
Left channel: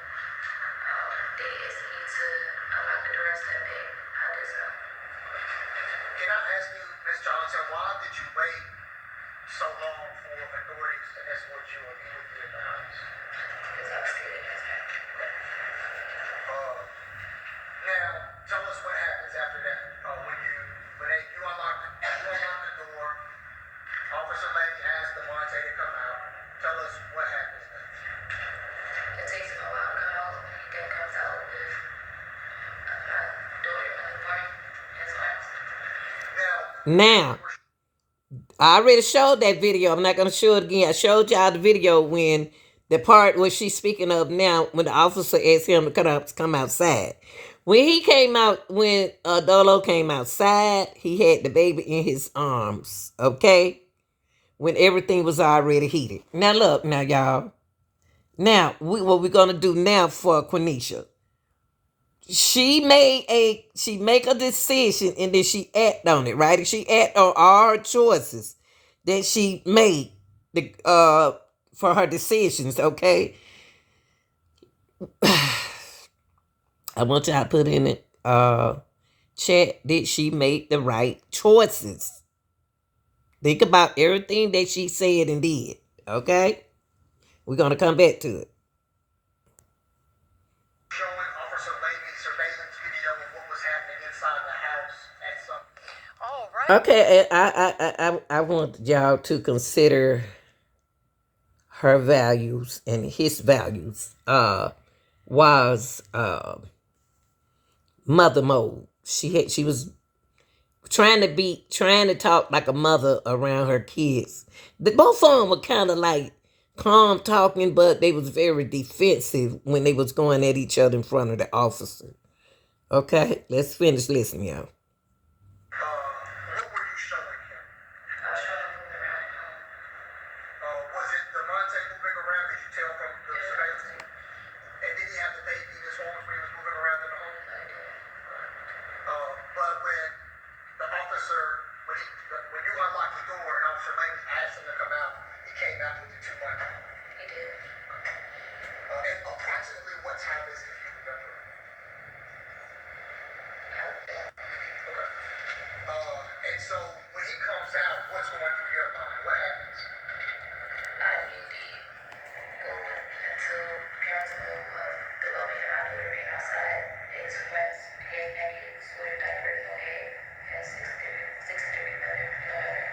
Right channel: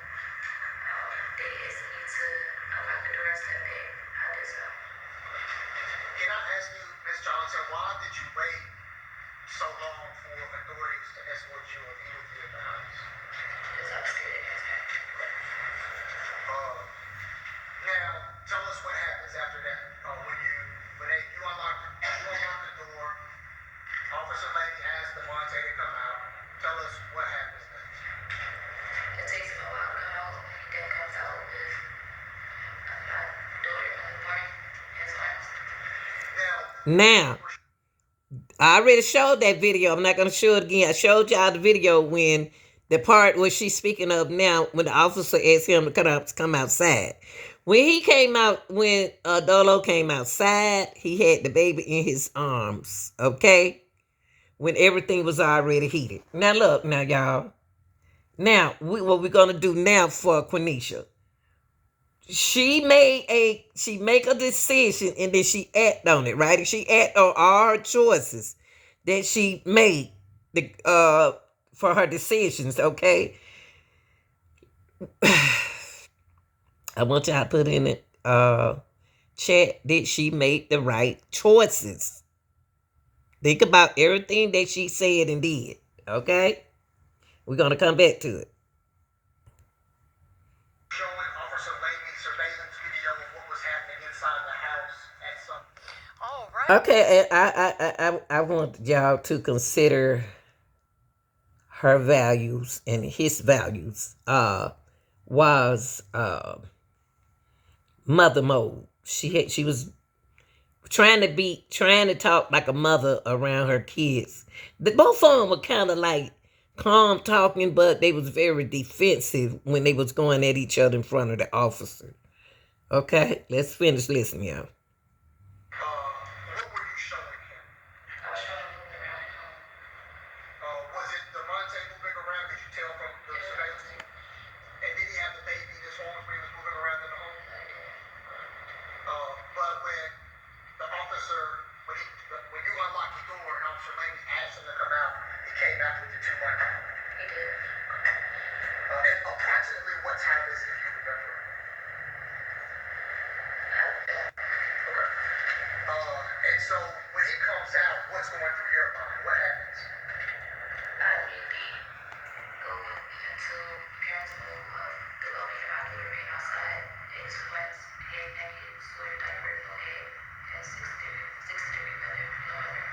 They asked me to unlock the door and step back. I did so. Can I ask you, Ms. Johnson, why did you wait so long for authorities to escort you and be with you in the house? Because I was scared to answer. Now, tell us what happens after that. When you unlock the door, Officer Lady asks the Monte to come out. Tell us what happens next. It takes him a while to come out. He then comes out with my daughter unborn in his arms. Now, I already showed that video. I'm not going to show it again. I showed y'all the video when the part where she's speaking of now, when the officer asked him to come outside. When he came out, when Dolo came outside, he had the baby in his arms, okay? When everything was already heated. Now, look, now, y'all. Now, what we're going to do now for Quaneesha. She make a decision and then she act on it, right? And she act on all her choices that she made for her decisions, okay? I want y'all to put in the chat that she made the right choices. Think about everything that she said and did, okay? We're going to come back to it. Showing Officer Lady's surveillance video of what was happening inside the house at some. All right. Okay, I want y'all to consider her values and his values. Was mother mode. She was trying to talk like a mother around her kids. Both of them were kind of like calm talking, but they was very defensive when they was going at each other in front of the officer. Okay, let's finish listening, y'all. What were you showing him? I was trying to move around. Was it the Monte moving around? Could you tell from the surveillance? And did he have the baby in his arms when he was moving around in the home? But when the officer, when you unlocked the door and Officer Lady asked him to come out, he came out with the 2 months. He did. And approximately what time is it, if you remember? And so when he comes out, what's going through your mind? What happens? I immediately go into parents' mode of the loving my daughter being outside. It's months, hair naked, sweater diaper, no head, and 6 degree weather, no weather.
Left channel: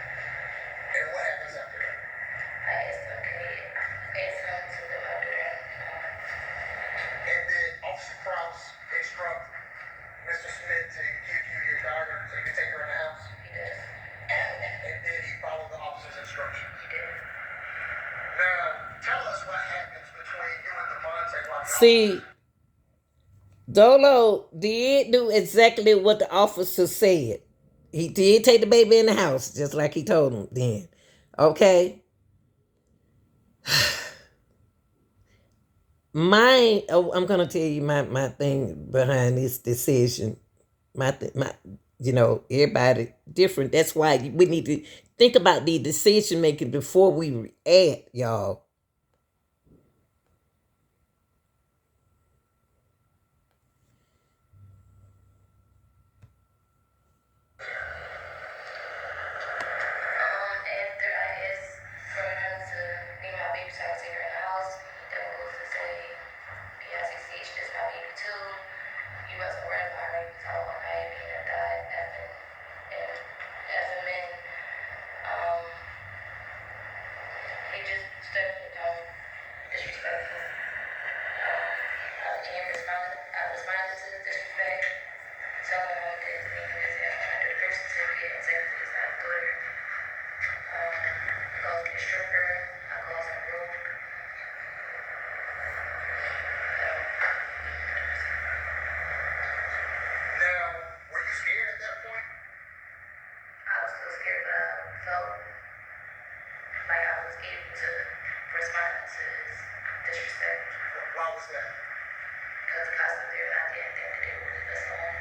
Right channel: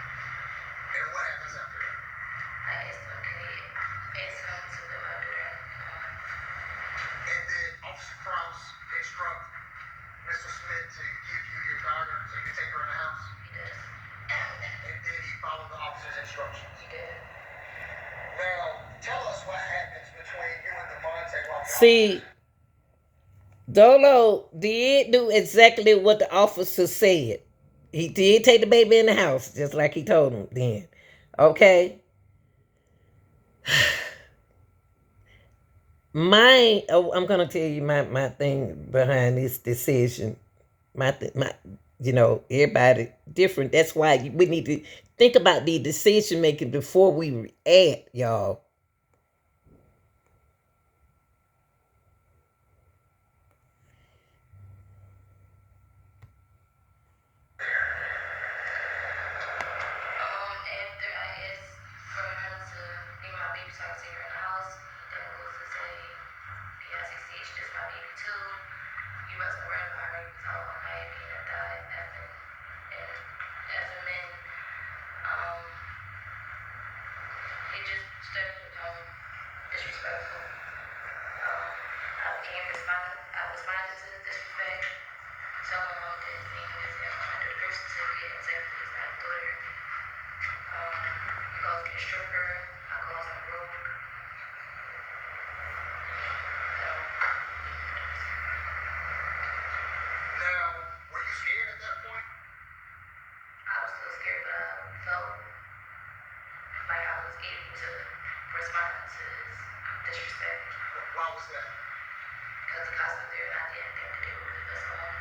And what happens after that? I asked him, can he ask him to put my daughter in? And then Officer Krause instruct Mr. Smith to give you your daughter so you can take her in the house? He does. And then he followed the officer's instructions. He did. Now, tell us what happens between you and the Monte while See, Dolo did do exactly what the officer said. He did take the baby in the house, just like he told him then. Okay? I'm going to tell you my thing behind this decision. Everybody different. That's why we need to think about the decision making before we react, y'all. After I asked for him to be my baby so I could take her in the house, then goes to say, B-I-C-C-H, this my baby too. He wasn't worried about her. He was all unhappy and died after. And as a man, um, he just started to become disrespectful. I responded to his disrespect, telling him that his name is under the birth certificate and technically he's not a daughter. He calls me a stripper. I calls him broke. Now, were you scared at that point? I was still scared, but I felt like I was able to respond to his disrespect. Why was that? Because the cops were there and I didn't think that they would leave us alone.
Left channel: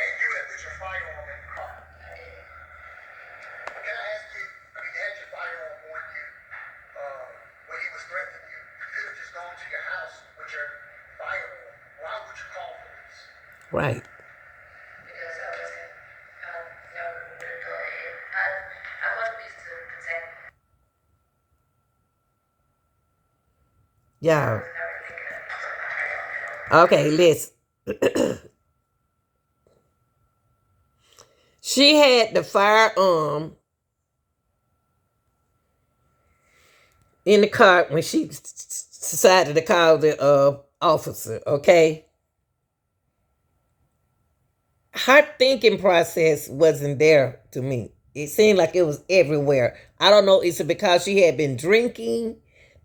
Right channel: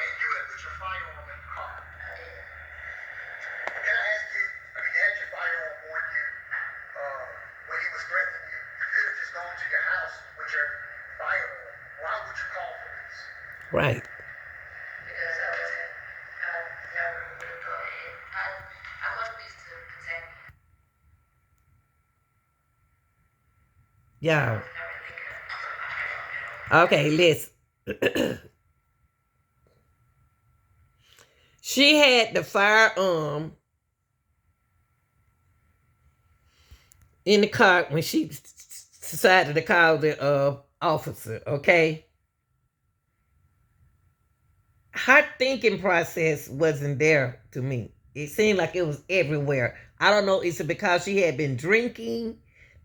And you had put your firearm in the car. I did. Can I ask you, you had your firearm on you when he was threatening you. You could have just gone to your house with your firearm. Why would you call police? Right. Because I never would have thought it. I called police to protect me. Yeah. I was never thinking of my Okay, listen. She had the firearm in the car when she decided to call the officer, okay? Her thinking process wasn't there to me. It seemed like it was everywhere. I don't know, is it because she had been drinking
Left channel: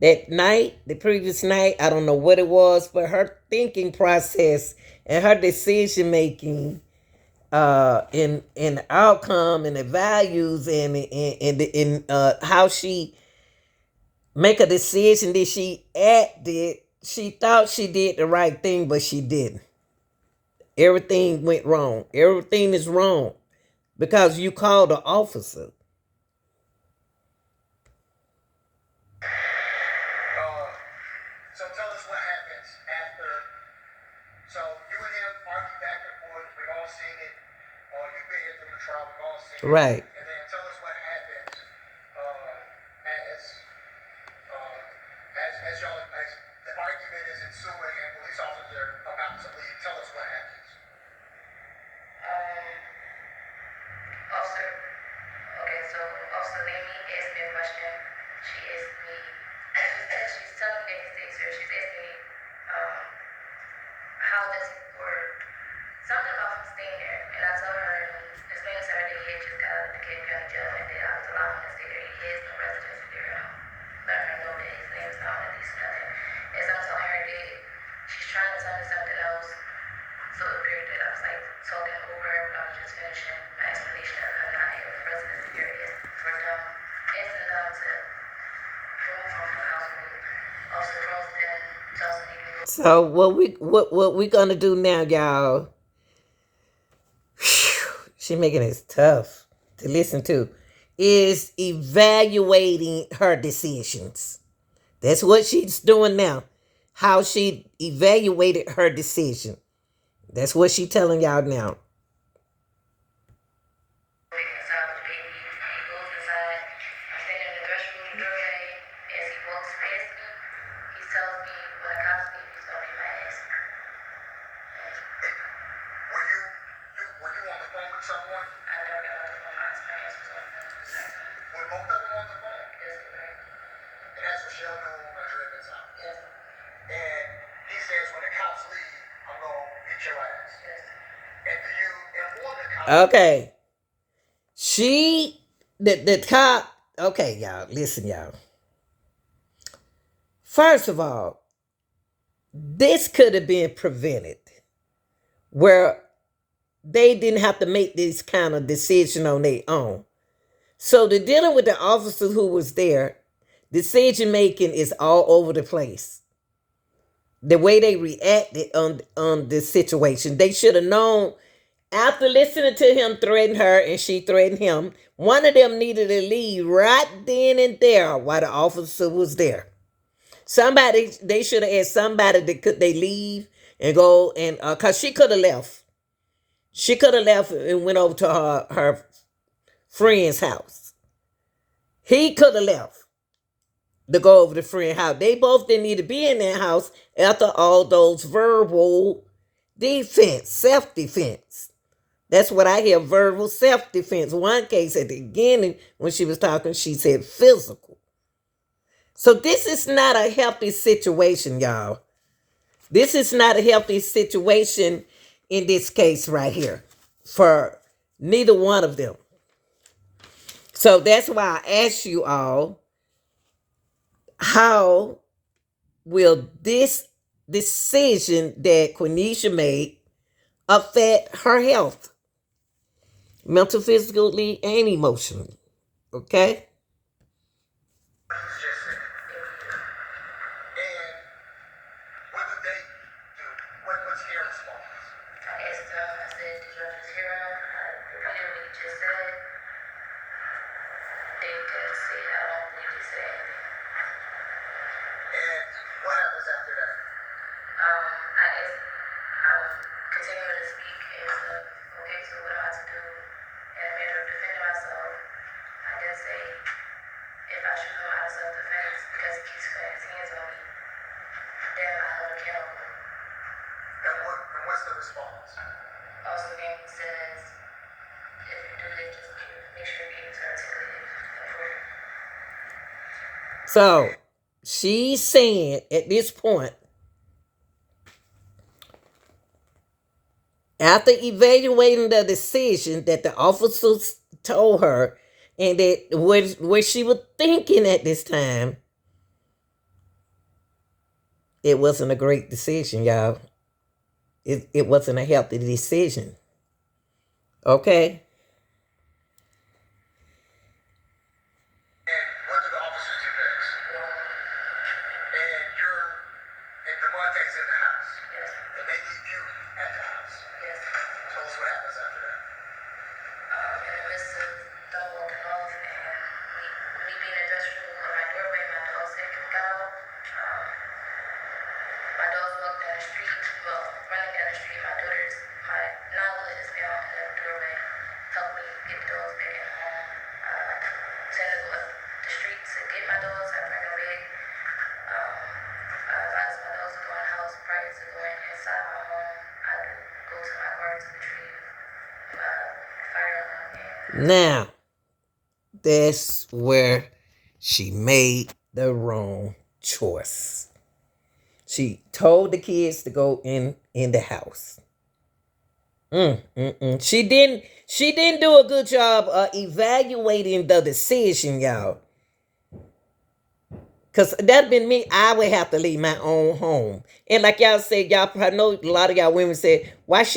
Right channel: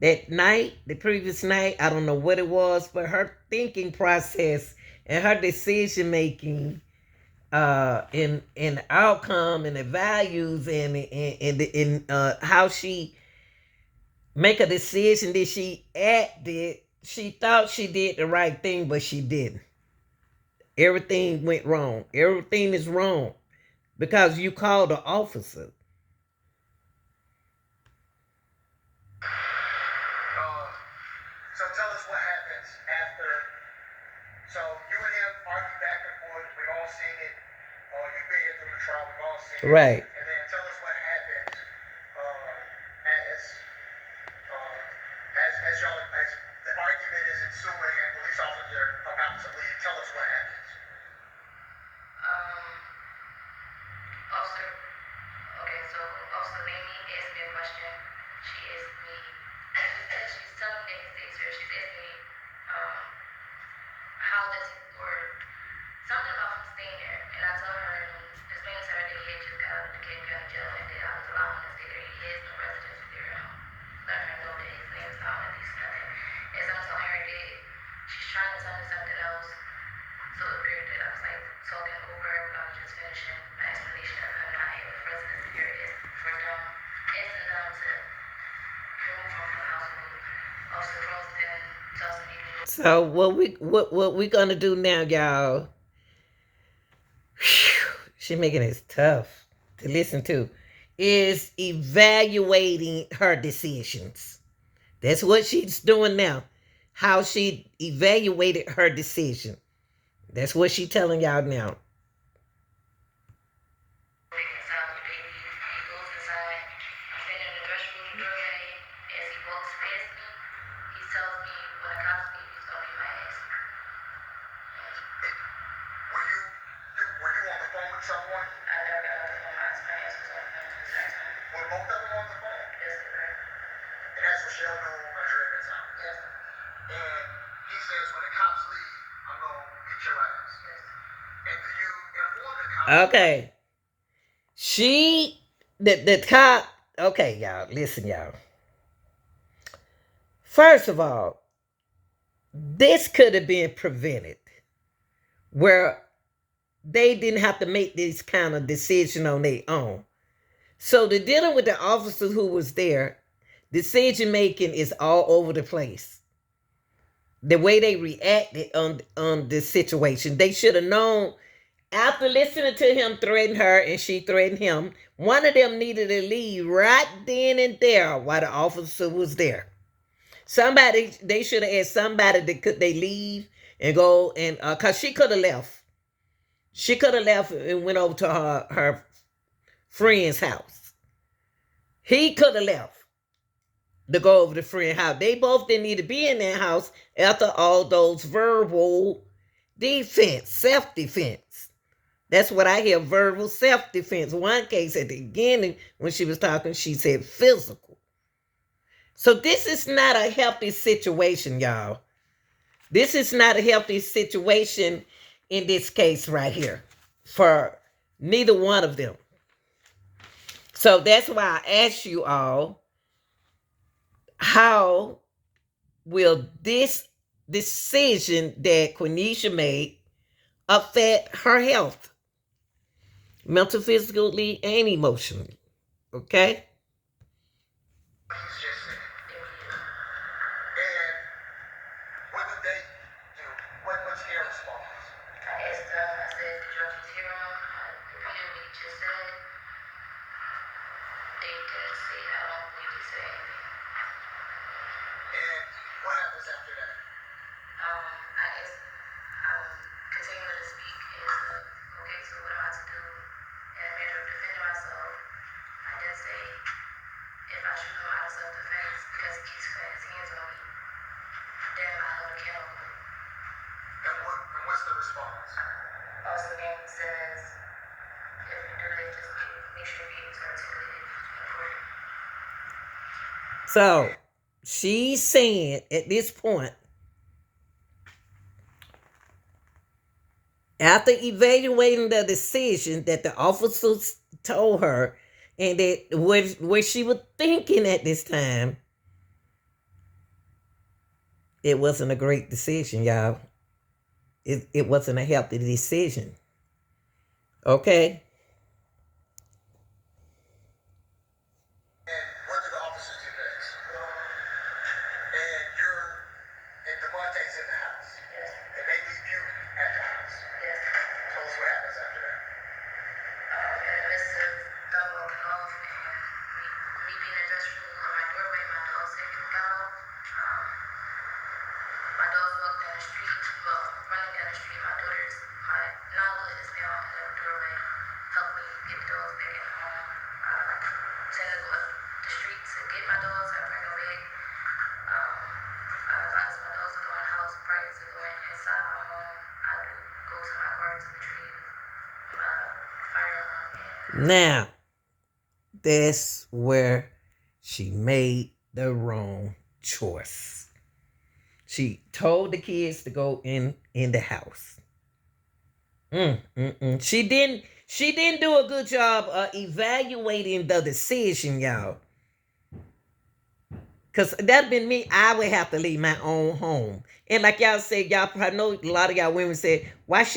that night, the previous night? I don't know what it was, but her thinking process and her decision making in the outcome and the values and in how she make a decision that she acted, she thought she did the right thing, but she didn't. Everything went wrong. Everything is wrong because you called the officer. So tell us what happens after. So you and him argue back and forth. We all seen it. You've been here through the trial. We all seen it. Right. And then tell us what happens as y'all as the argument is ensuing and police officers are about to leave. Tell us what happens. Officer, okay, so Officer Amy asked me a question. She asked me, she's telling me the mistakes here. She's asking me, how does it work? Something about him staying there. And I told her, explain to her that he had just got out of the King County jail and that I was allowing him to stay there. He has no residence there. Let her know that his name is not at least nothing. As I'm telling her that she's trying to tell me something else. So it appeared that I was like talking over her when I was just finishing my explanation of how not having a residence here is for them, asking them to remove him from the household. Officer Cross then tells me So what we gonna do now, y'all? She making it tough to listen to. Is evaluating her decisions. That's what she's doing now. How she evaluated her decision. That's what she's telling y'all now. inside with the baby. He goes inside. I'm standing in the restroom doorway. As he walks past me, he tells me when I cops me, he's gonna be my ass. Were you on the phone with someone? I never got off the phone. My ass was on the phone the second time. Were both of them on the phone? Yes, correct. And that's Rochelle doing Andrea at the time. Yes, And he says when the cops leave, I'm gonna beat your ass. yes. And do you inform the cops? Okay. The cop. Okay, y'all. Listen, y'all. First of all, this could have been prevented where they didn't have to make this kind of decision on their own. So the dealing with the officer who was there, decision making is all over the place. The way they reacted on this situation, they should have known After listening to him threaten her and she threatened him, one of them needed to leave right then and there while the officer was there. Somebody, they should have asked somebody that could they leave and go and cause she could have left. She could have left and went over to her friend's house. He could have left to go over to friend's house. They both didn't need to be in that house after all those verbal defense, self-defense. That's what I hear, verbal self-defense. One case at the beginning when she was talking, she said physical. So this is not a healthy situation, y'all. This is not a healthy situation in this case right here for neither one of them. So that's why I ask you all, how will this decision that Quaneesha made affect her health? Mental, physically, and emotionally. Okay? So she's saying at this point, after evaluating the decision that the officers told her, and that what she was thinking at this time, it wasn't a great decision, y'all. It wasn't a healthy decision. Okay? Now, that's where she made the wrong choice. She told the kids to go in the house. She didn't do a good job of evaluating the decision, y'all. Because that'd been me. I would have to leave my own home. And like y'all said, y'all, I know a lot of y'all women said, why should